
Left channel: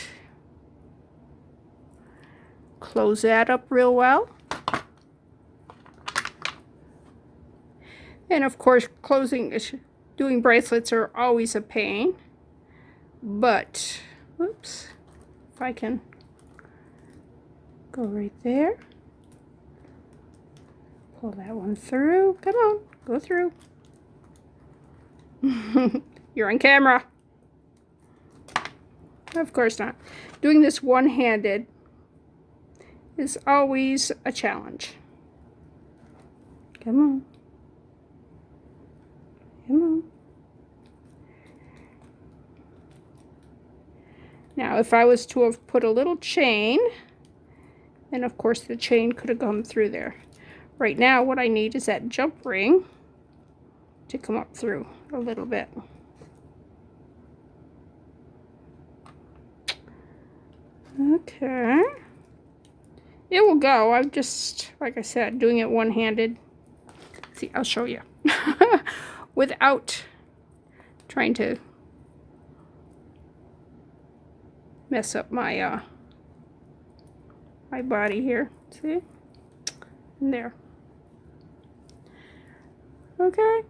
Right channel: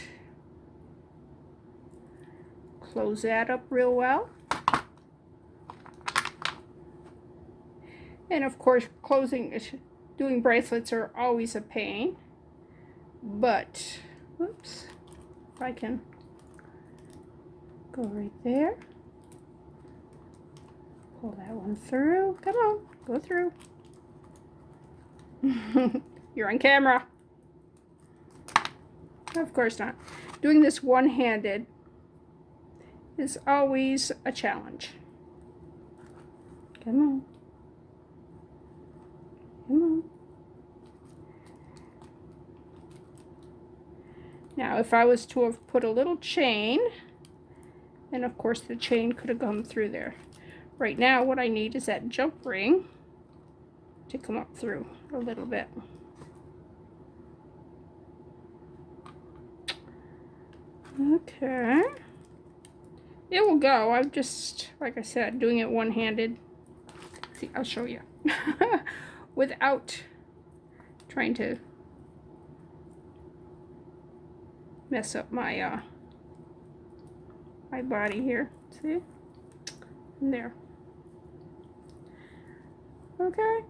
Close that up real well. And of course, doing bracelets are always a pain. But, oops, if I can go right there. Pull that one through. Come on, go through. You're on camera. Of course not. Doing this one-handed is always a challenge. Come on. Come on. Now, if I was to have put a little chain, then of course the chain could have gone through there. Right now, what I need is that jump ring to come up through a little bit. Okay. It will go. I'm just, like I said, doing it one-handed. See, I'll show you. Without trying to mess up my my body here. See? And there. Okay.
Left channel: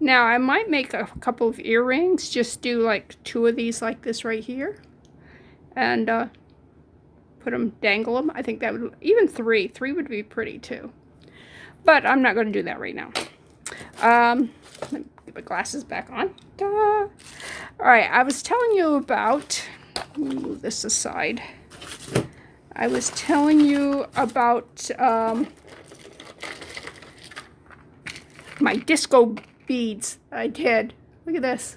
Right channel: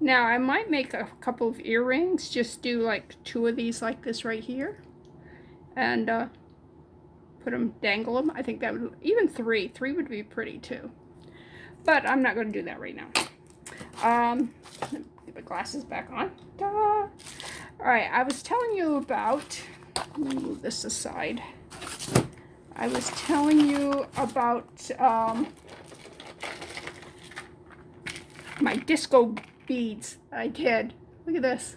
Now I might make a couple of earrings. Just do like 2 of these like this right here, and put them, dangle them. I think that would, even 3 would be pretty too. But I'm not going to do that right now. Let me get my glasses back on. Ta-da. All right, I was telling you about. Let me move this aside. I was telling you about my disco beads I did. Look at this.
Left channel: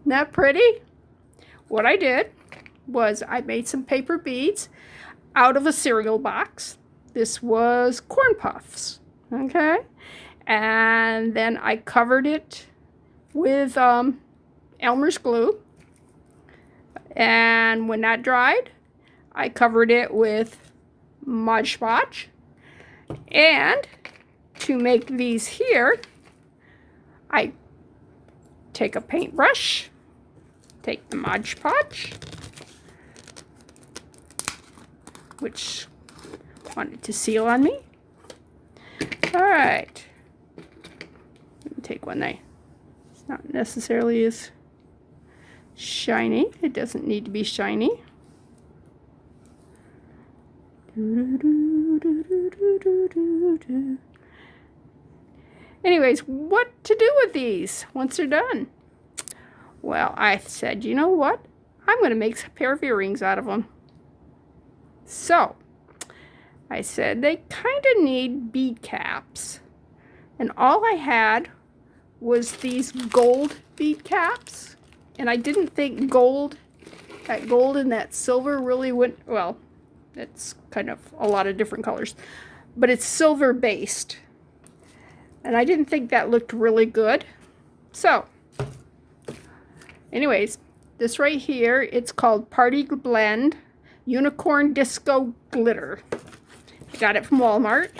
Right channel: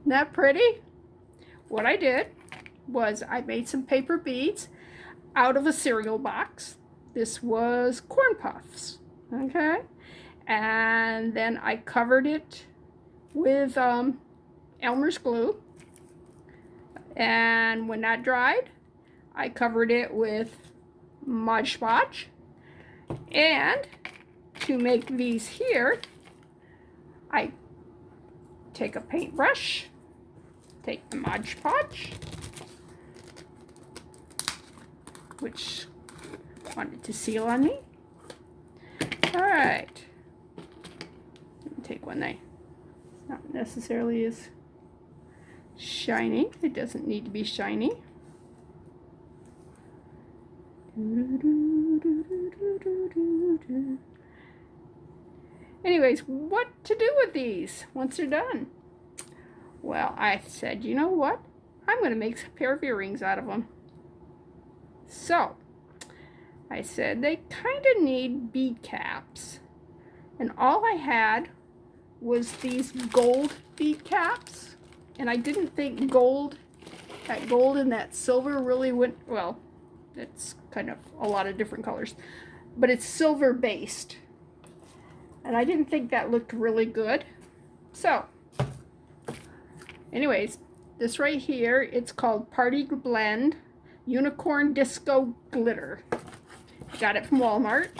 Isn't that pretty? What I did was I made some paper beads out of a cereal box. This was corn puffs, okay? And then I covered it with Elmer's glue. And when that dried, I covered it with Mod Podge. And to make these here, I take a paintbrush, take the Mod Podge, which wanted to seal on me. All right, let me take one that it's not necessarily as shiny. It doesn't need to be shiny. Anyways, what to do with these once they're done? Well, I said, you know what? I'm going to make a pair of earrings out of them. So, I said they kind of need bead caps. And all I had was these gold bead caps. And I didn't think gold, that gold and that silver really went, well, it's kind of a lot of different colors. But it's silver based. And I didn't think that looked really good. So, anyways, this right here, it's called Party Blend Unicorn Disco Glitter. I got it from Walmart.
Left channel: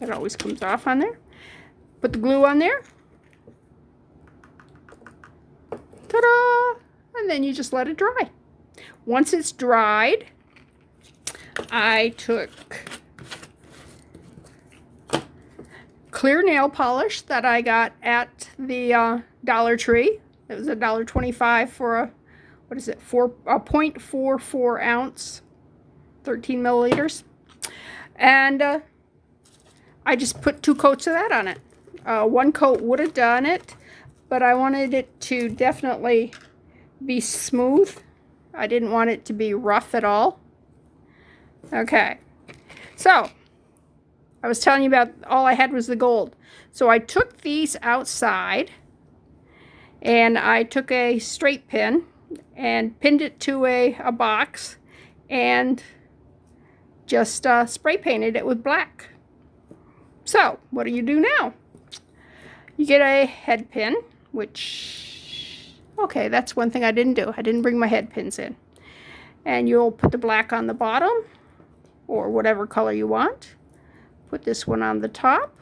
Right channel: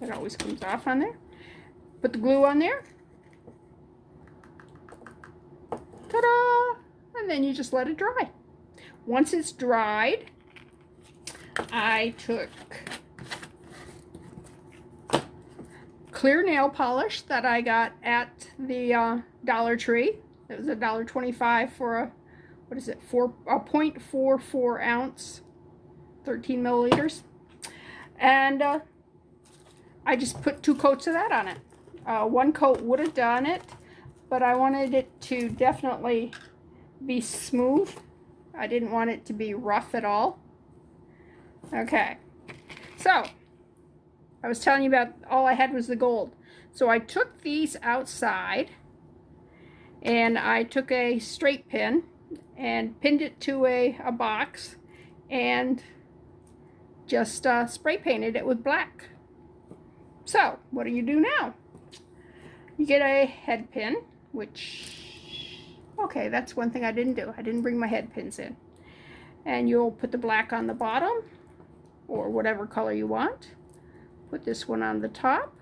It always comes off on there. Put the glue on there. Ta-da! And then you just let it dry. Once it's dried, I took clear nail polish that I got at the Dollar Tree. It was $1.25 for a, what is it, 0.44 ounce, 13 milliliters. And I just put 2 coats of that on it. 1 coat would have done it, but I wanted it to definitely be smooth. I didn't want it to be rough at all. Okay, so I was telling you about all I had was the gold. So I took these outside and I took a straight pin and pinned it to a box and just spray painted it with black. So what do you do now? You get a head pin, which, okay, that's one thing I didn't do. I didn't bring my head pins in. And you'll put the black on the bottom or whatever color you want. Put this one on the top,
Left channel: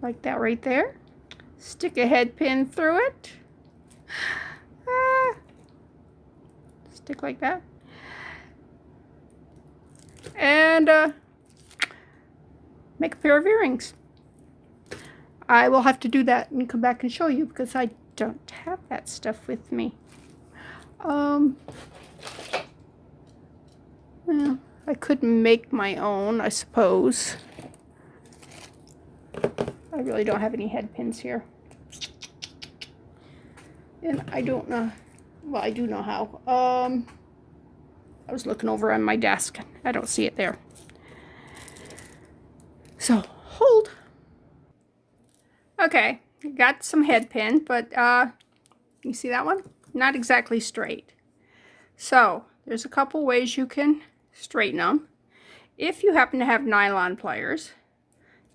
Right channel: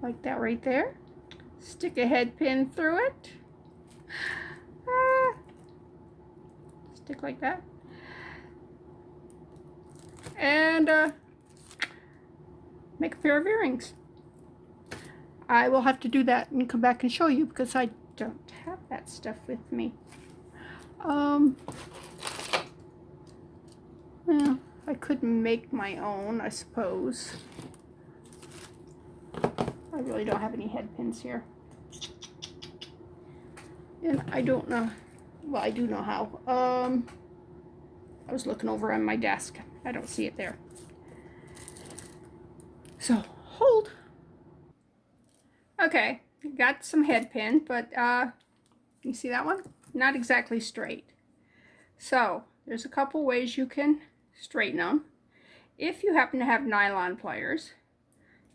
like that right there. Stick a head pin through it. Stick like that. And make a pair of earrings. I will have to do that and come back and show you because I don't have that stuff with me. Yeah, I could make my own, I suppose. I really don't have any head pins here. And I don't know. Well, I do know how. I was looking over on my desk. I don't see it there. So, hold. Okay, got some head pin, but you see that one? Not exactly straight. So, there's a couple ways you can straighten them. If you happen to have nylon pliers,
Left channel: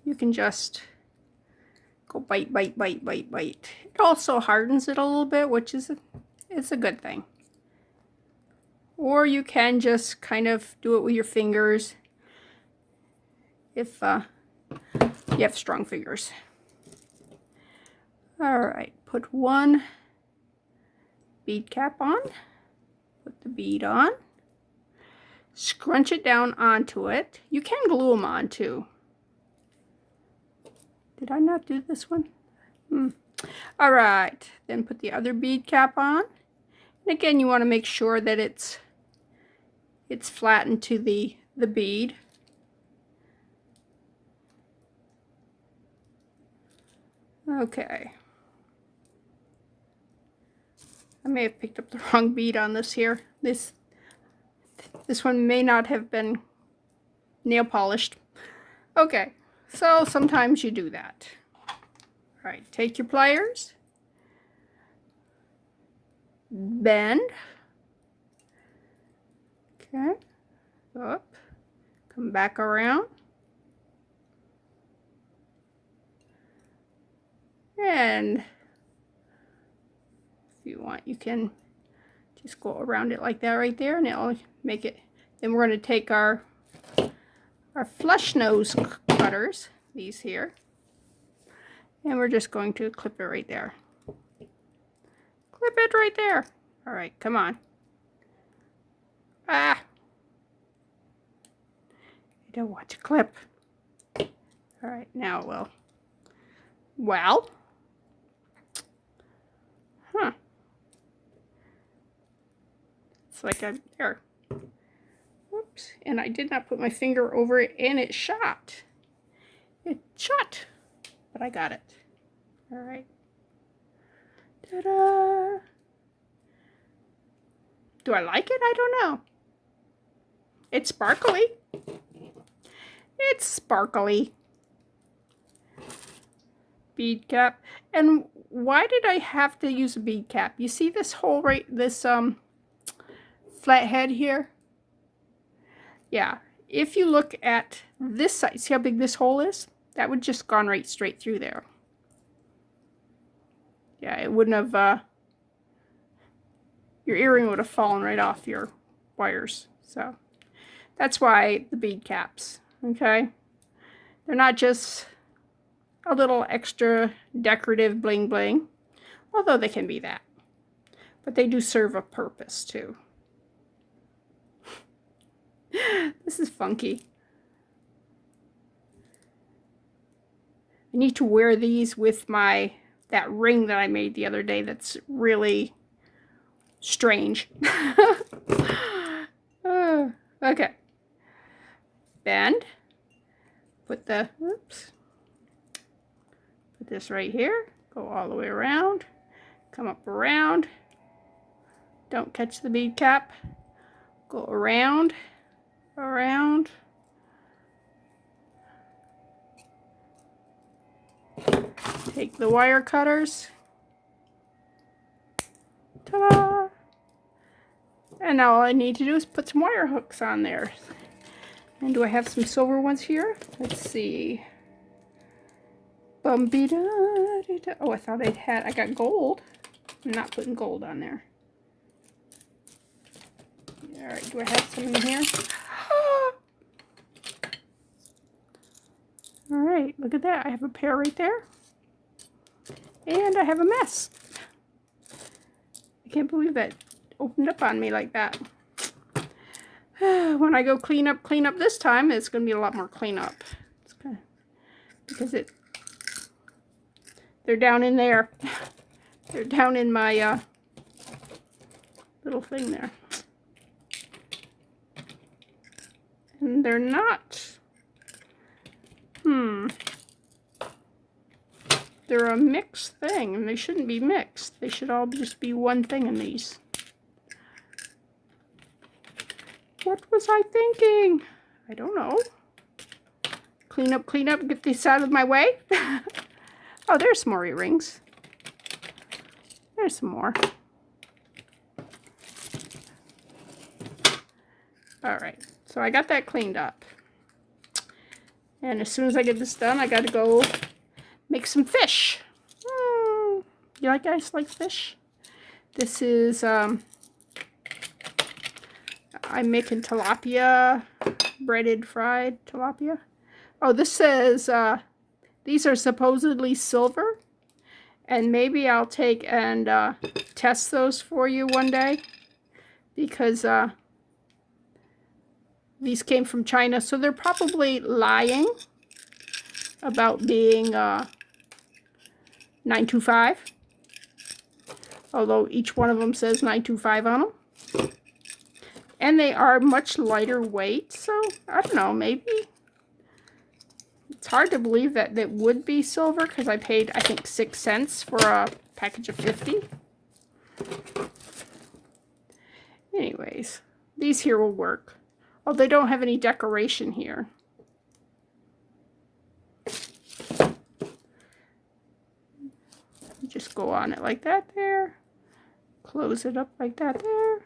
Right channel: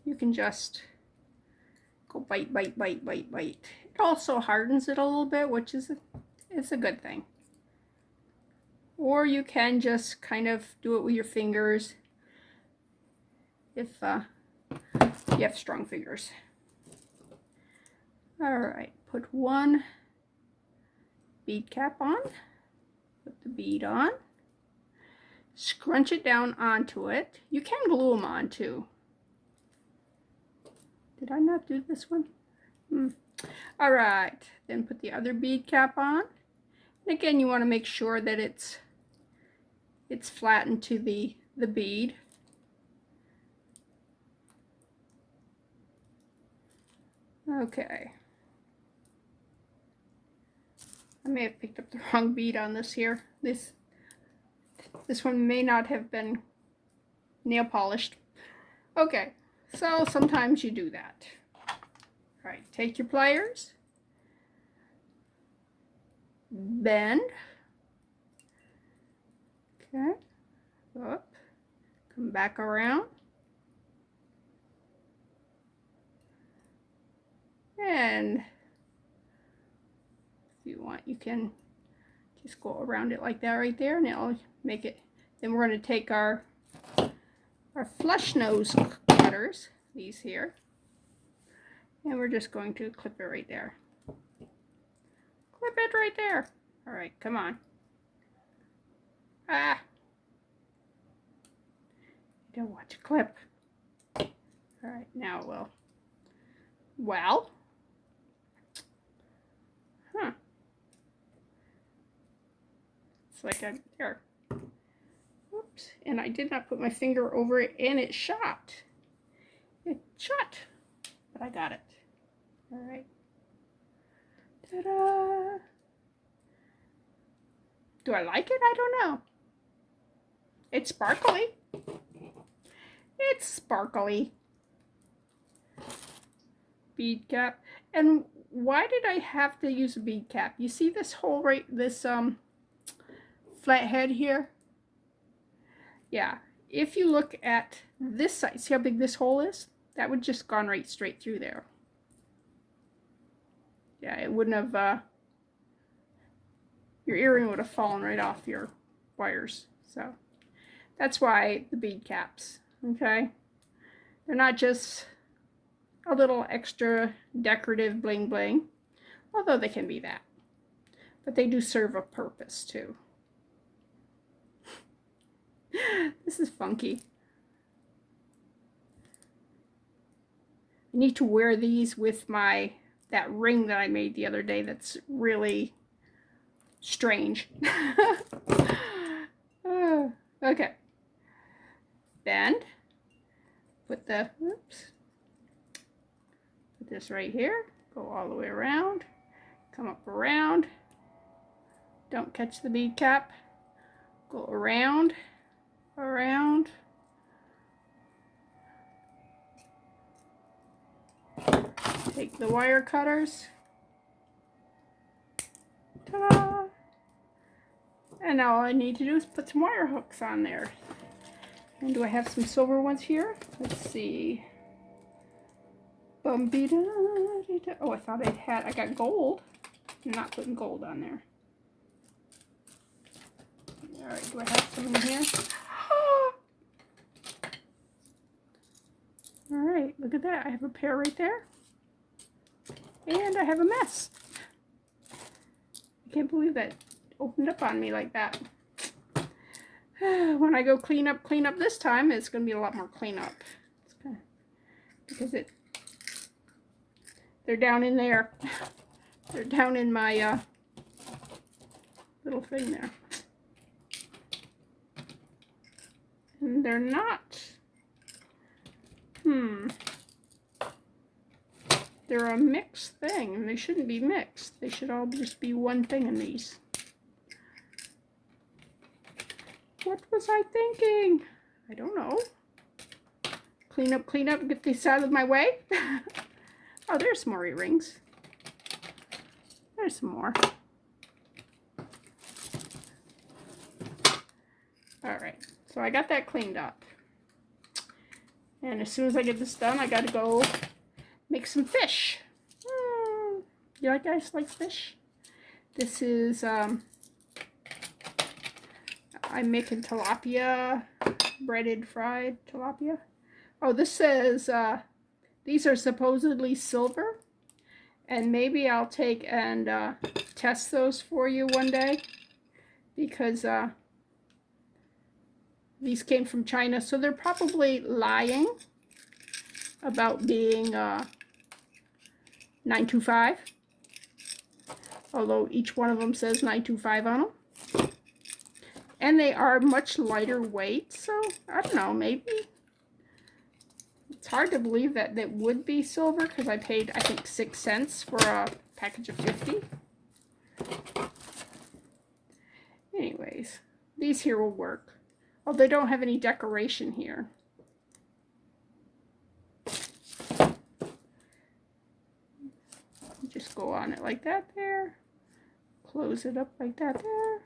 you can just go bite, bite, bite, bite, bite. It also hardens it a little bit, which is it's a good thing. Or you can just kind of do it with your fingers if you have strong fingers. All right, put one bead cap on, put the bead on, scrunch it down onto it. You can glue them on too. Did I not do this one? All right, then put the other bead cap on. And again, you want to make sure that it's flattened to the bead. Okay. I may have picked up the wrong bead on this here. This one may not have been nail polished. Okay, so sometimes you do that. All right, take your pliers, bend, okay, up, come back around, and if you want, you can just go around it like that right there, and it'll make it. Then we're going to take our flush nose cutters, these here, and we're just going to clip it right there. Clip it right there. All right, come on. Ah, I don't want to clip. All right, now well, it's like I'm there. Whoops, and I did not put my finger over it, and it shot. It shot, but I got it. All right. Ta-da! Do I like it? I don't know. It's sparkly. It's sparkly. Bead cap. And why did I have to use a bead cap? You see this hole right, this flat head here? Yeah. If you look at this side, see how big this hole is? That would just gone right straight through there. Yeah, it wouldn't have, your earring would have fallen right off your wires. So that's why the bead caps, okay? They're not just a little extra decorative bling bling, although they can be that. But they do serve a purpose too. This is funky. I need to wear these with that ring that I made the other day that's really strange. Okay. Bend. Put this right here. Go all the way around. Come up around. Don't catch the bead cap. Go around. Around. Take the wire cutters. Ta-da! And now all I need to do is put some wire hooks on there. And do I have some silver ones here? Let's see. Oh, I thought I got gold. I'm not putting gold on there. All right, do I have some in here? All right, look at that. I have a pair right there. And I have a mess. I can't believe that opened up on me like that. When I go clean up this time, it's going to be a lot more cleanup. Because they're down in there. They're down in my little thing there. And they're not. They're a mixed thing, and they shouldn't be mixed. They should all just be one thing in these. What was I thinking? I don't know. Clean up, get this out of my way. Oh, there's some more earrings. There's some more. Alright, so I got that cleaned up. And as soon as I get this done, I gotta go make some fish. You guys like fish? This is, I'm making tilapia, breaded fried tilapia. Oh, this says, these are supposedly silver. And maybe I'll take and test those for you one day. Because these came from China, so they're probably lying about being 925. Although each one of them says 925 on them. And they are much lighter weight, so I don't know, maybe. It's hard to believe that it would be silver because I paid, I think, 6 cents for a package of 50. Anyways, these here will work. Oh, they don't have any decoration here. Just go on it like that there. Close it up like that there.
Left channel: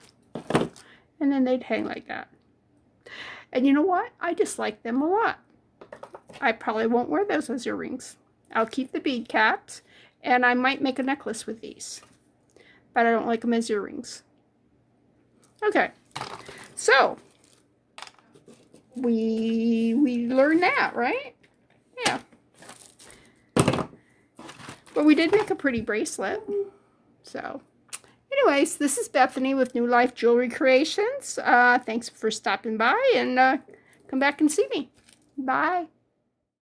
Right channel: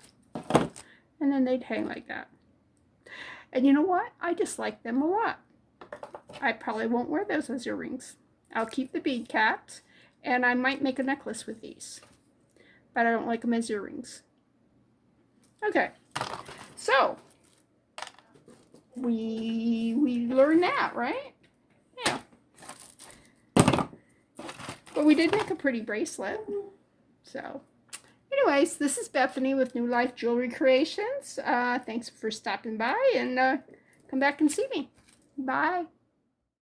And then they'd hang like that. And you know what? I just like them a lot. I probably won't wear those as earrings. I'll keep the bead caps. And I might make a necklace with these. But I don't like them as earrings. Okay. So we learned that, right? Yeah. But we did make a pretty bracelet. So anyways, this is Bethany with New Life Jewelry Creations. Thanks for stopping by, and come back and see me. Bye.